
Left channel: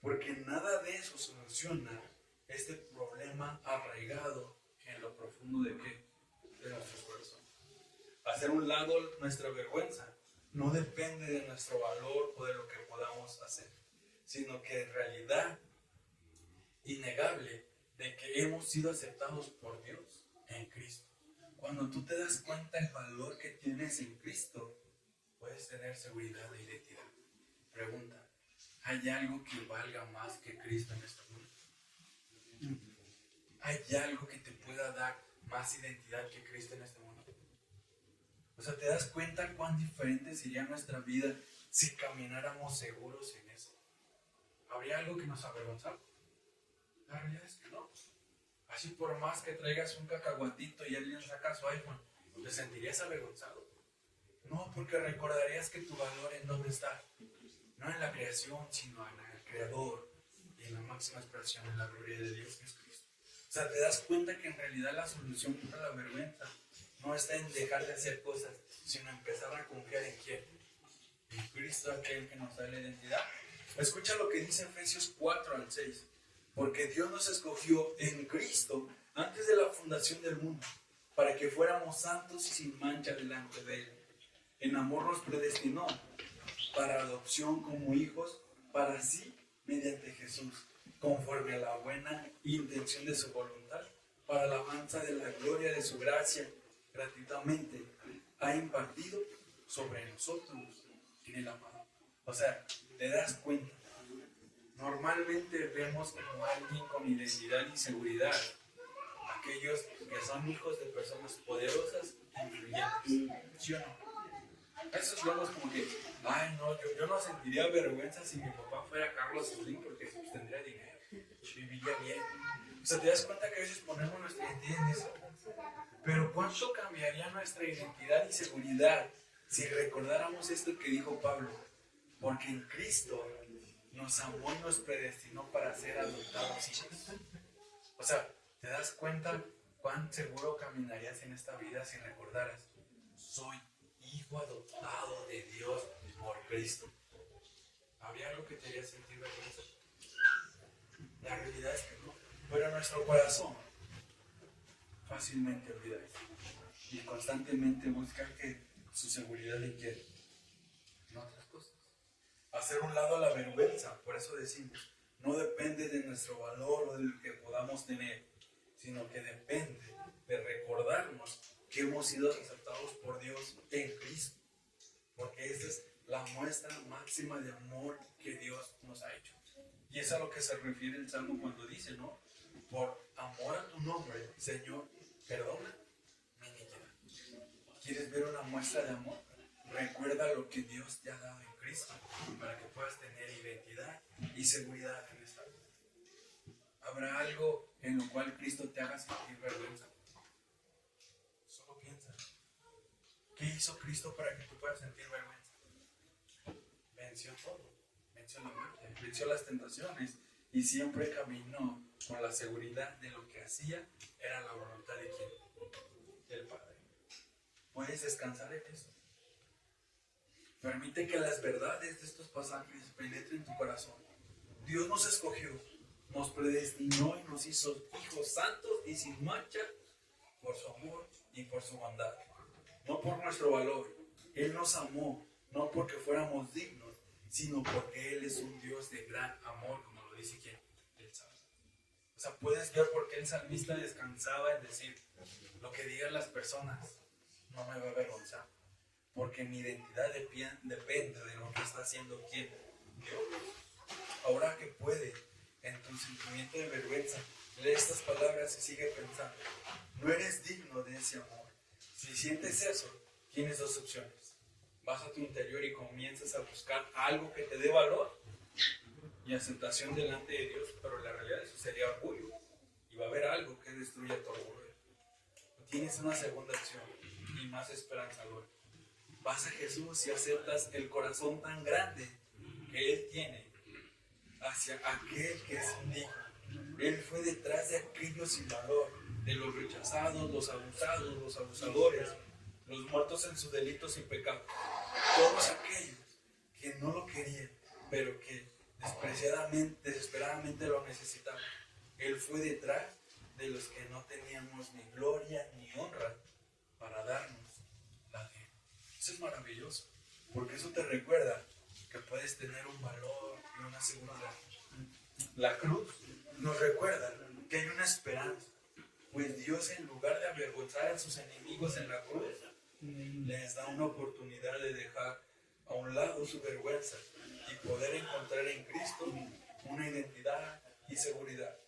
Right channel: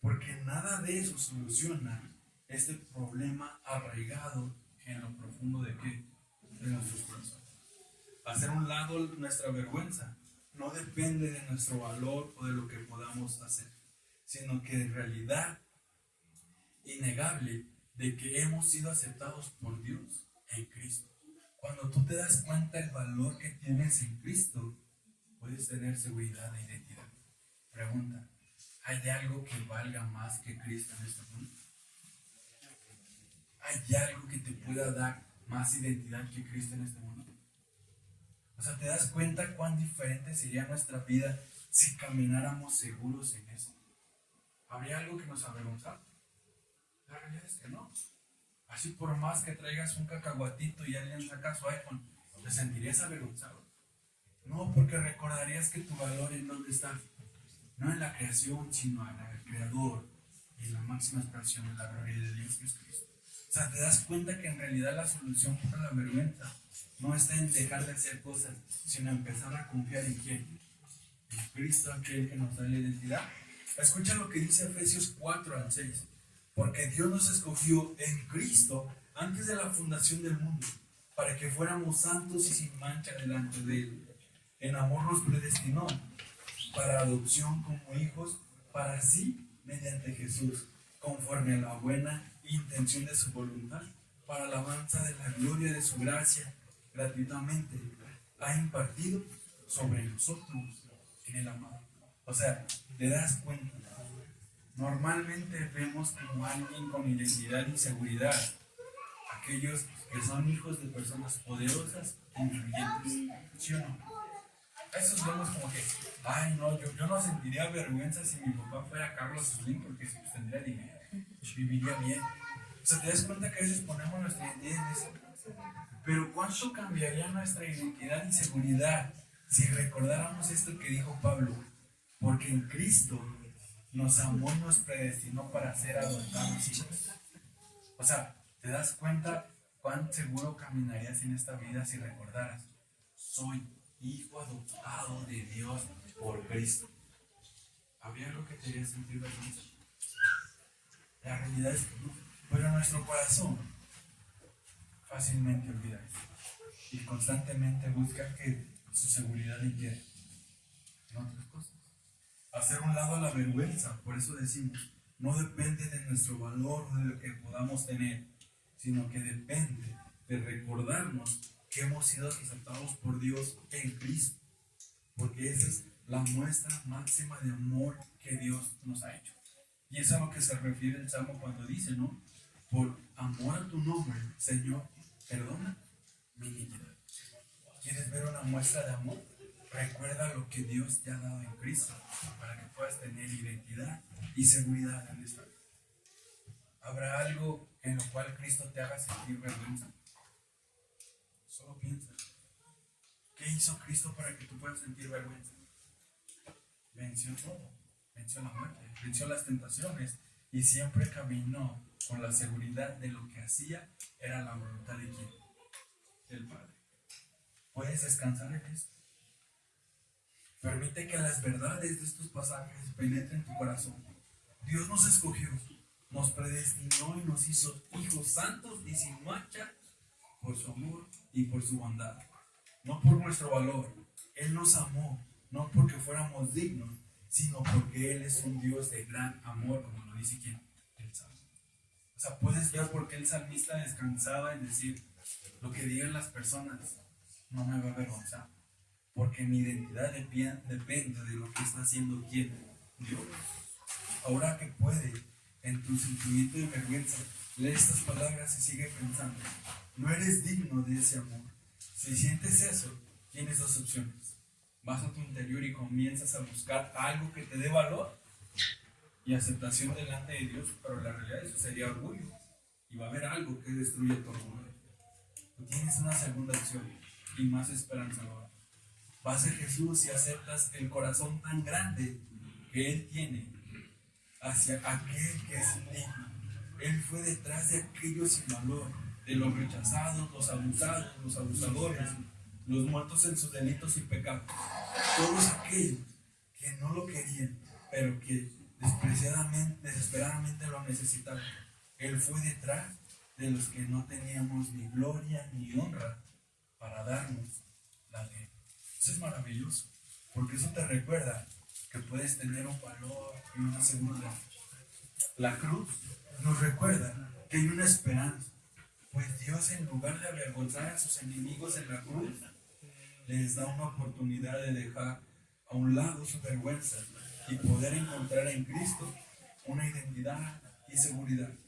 Porque nada de eso soluciona este problema arraigado en lo profundo de qué? De nuestros corazones. Hacer un lado nuestra vergüenza no depende de nuestro valor o de lo que podamos hacer, sino que en realidad innegable de que hemos sido aceptados por Dios en Cristo. Cuando tú te das cuenta del valor que tienes en Cristo, puedes tener seguridad e identidad. Pregunta, ¿hay algo que valga más que Cristo en este mundo? ¿Hay algo que te pueda dar más identidad que Cristo en este mundo? O sea, ¿te das cuenta cuán diferente sería nuestra vida si camináramos seguros en eso? ¿Habría algo que nos avergonzara? La realidad es que no. Así por más que traigas un cacahuatito y alguien saca su iPhone, ¿te sentirías avergonzado? No, porque recordarías que tu valor en dónde está. No en la creación, sino en el Creador y en la máxima expresión en la gloria de Dios, que es Cristo. O sea, te das cuenta que en realidad la solución para la vergüenza no está en dejar de hacer cosas, sino empezar a confiar en quién. En Cristo, aquel que nos da la identidad. Escucha lo que dice Efesios 4-6. Porque Dios nos escogió en Cristo antes de la fundación del mundo, para que fuéramos santos y sin mancha delante de Él. En amor nos predestinó para adopción como hijos, para sí, mediante Jesús, conforme a la buena intención de su voluntad, para la alabanza de la gloria de su gracia, gratuitamente ha impartido sobre nosotros en el amado. O sea, te das cuenta. Normalmente vemos como alguien con identidad y seguridad aquellos que son hijos de personas poderosas e influyentes, ¿sí o no? A esos vemos como que, ay no, yo no sentiría vergüenza si mi papá fuera Carlos Slim porque pues, tendría dinero, viviría bien. O sea, te das cuenta que a veces ponemos nuestra identidad en eso. Pero ¿cuánto cambiaría nuestra identidad y seguridad si recordáramos esto que dijo Pablo? Porque en Cristo nos amó y nos predestinó para ser adoptados hijos. O sea, ¿te das cuenta cuán seguro caminarías en esta vida si recordaras? Soy hijo adoptado de Dios por Cristo. ¿Habría algo que te haría sentir vergüenza? La realidad es que no. Pero nuestro corazón fácilmente olvida eso. Y constantemente busca que su seguridad inquiere en otras cosas. Hacer un lado a la vergüenza, por eso decimos, no depende de nuestro valor o de lo que podamos tener, sino que depende de recordarnos que hemos sido aceptados por Dios en Cristo, porque esa es la muestra máxima de amor que Dios nos ha hecho. Y es a lo que se refiere el Salmo cuando dice, ¿no? Por amor a tu nombre, Señor, perdona mi iniquidad. ¿Quieres ver una muestra de amor? Recuerda lo que Dios te ha dado en Cristo para que puedas tener identidad y seguridad en esta vida. ¿Habrá algo en lo cual Cristo te haga sentir vergüenza? Solo piensa. ¿Qué hizo Cristo para que tú puedas sentir vergüenza? Venció todo. Venció la muerte, venció las tentaciones y siempre caminó con la seguridad de lo que hacía era la voluntad de quién? Del Padre. Puedes descansar en eso. Permite que las verdades de estos pasajes penetren tu corazón. Dios nos escogió, nos predestinó y nos hizo hijos santos y sin mancha por su amor y por su bondad. No por nuestro valor. Él nos amó, no porque fuéramos dignos, sino porque Él es un Dios de gran amor, como lo dice ¿quién? El Salmo. O sea, puedes ver por qué el salmista descansaba en decir, lo que digan las personas no me va a avergonzar. porque mi identidad depende de lo que está haciendo quién, Dios. Ahora que puede, en tu sentimiento de vergüenza, lee estas palabras y sigue pensando, no eres digno de ese amor. Si sientes eso, tienes dos opciones. Vas a tu interior y comienzas a buscar algo que te dé valor y aceptación delante de Dios, pero la realidad eso sería orgullo. Y va a haber algo que destruye tu orgullo. Tú tienes una segunda opción y más esperanzadora. Vas a Jesús y aceptas el corazón tan grande que Él tiene hacia aquel que es indigno. Él fue detrás de aquellos sin valor, de los rechazados, los abusados, los abusadores, los muertos en sus delitos y pecados. Todos aquellos que no lo querían, pero que desesperadamente lo necesitaban. Él fue detrás de los que no teníamos ni gloria ni honra para darnos la de Él. Eso es maravilloso, porque eso te recuerda que puedes tener un valor y una seguridad. La cruz nos recuerda que hay una esperanza, pues Dios, en lugar de avergonzar a sus enemigos en la cruz, les da una oportunidad de dejar a un lado su vergüenza y poder encontrar en Cristo una identidad y seguridad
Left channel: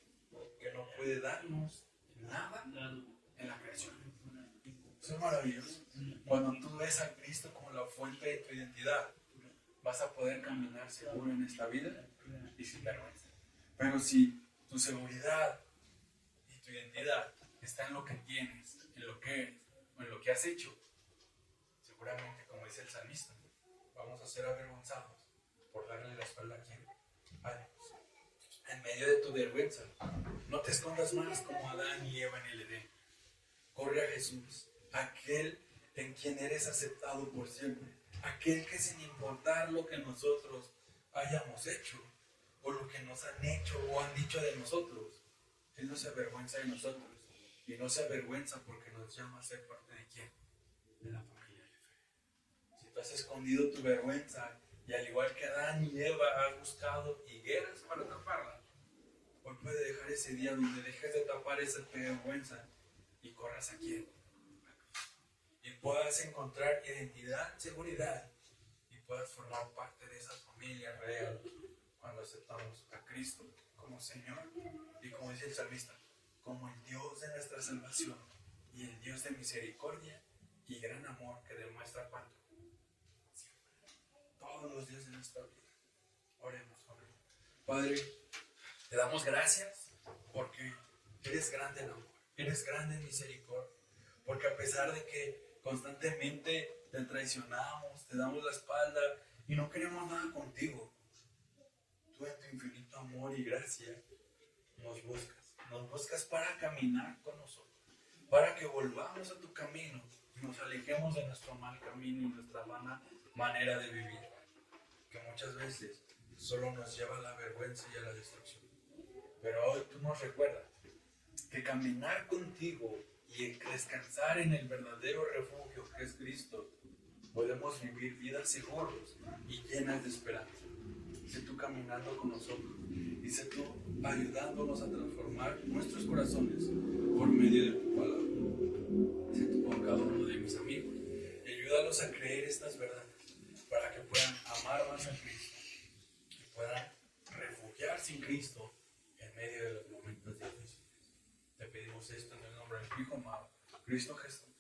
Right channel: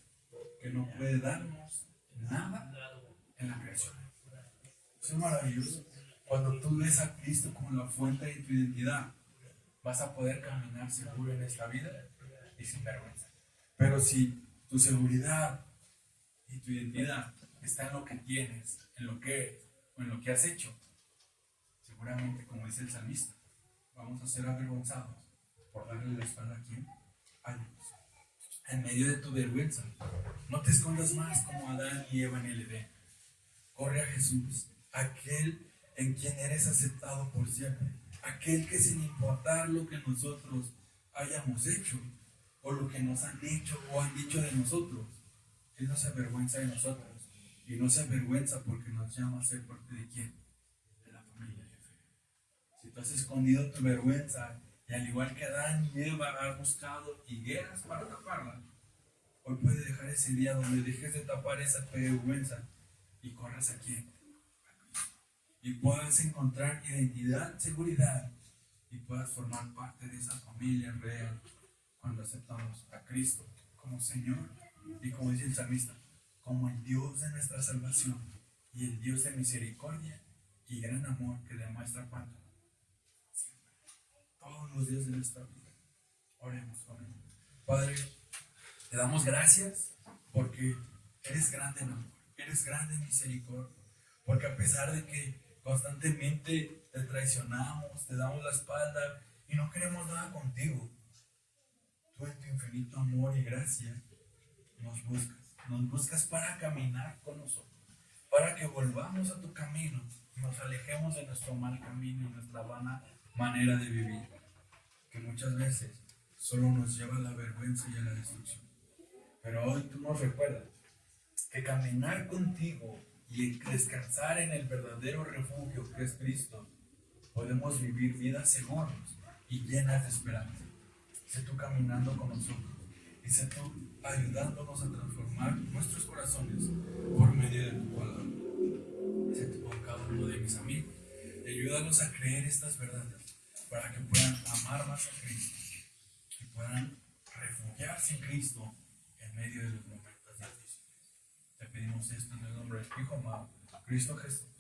que no puede darnos nada en la creación. Eso es maravilloso. Cuando tú ves a Cristo como la fuente de tu identidad, vas a poder caminar seguro en esta vida y sin vergüenza. Pero si tu seguridad y tu identidad está en lo que tienes, en lo que eres o en lo que has hecho, seguramente, como dice el salmista, vamos a ser avergonzados por darle la espalda a quién, a Dios. En medio de tu vergüenza, no te escondas más como Adán y Eva en el Edén. Corre a Jesús, aquel en quien eres aceptado por siempre, aquel que, sin importar lo que nosotros hayamos hecho o lo que nos han hecho o han dicho de nosotros, Él no se avergüenza de nosotros, y no se avergüenza porque nos llama a ser parte de quién, de la familia de fe. Si tú has escondido tu vergüenza y, al igual que Adán y Eva, has buscado higueras para taparla, hoy puede dejar ese día donde dejes de tapar esa vergüenza y corras a quién, y puedas encontrar identidad, seguridad, y puedas formar parte de esa familia real cuando aceptamos a Cristo como Señor y, como dice el salmista, como el Dios de nuestra salvación y el Dios de misericordia y gran amor que demuestra cuánto siempre, todos los días de nuestra vida. Oremos, oremos. Padre, te damos gracias porque eres grande en amor, eres grande en misericordia, porque a pesar de que constantemente te traicionamos, te damos la espalda y no queremos nada contigo, tú, en tu infinito amor y gracia, nos buscas para caminar con nosotros, para que volvamos a tu camino y nos alejemos de nuestro mal camino y nuestra vana manera de vivir, que muchas veces solo nos lleva a la vergüenza y a la destrucción. Pero hoy tú nos recuerdas que caminar contigo y descansar en el verdadero refugio que es Cristo, podemos vivir vidas seguras y llenas de esperanza. Sé tú caminando con nosotros y sé tú ayudándonos a transformar nuestros corazones por medio de tu palabra. Sé tú con cada uno de mis amigos y ayúdalos a creer estas verdades para que puedan amar más a Cristo y puedan refugiarse en Cristo en medio de los momentos difíciles. Te pedimos esto en el nombre del Hijo amado, Cristo Jesús.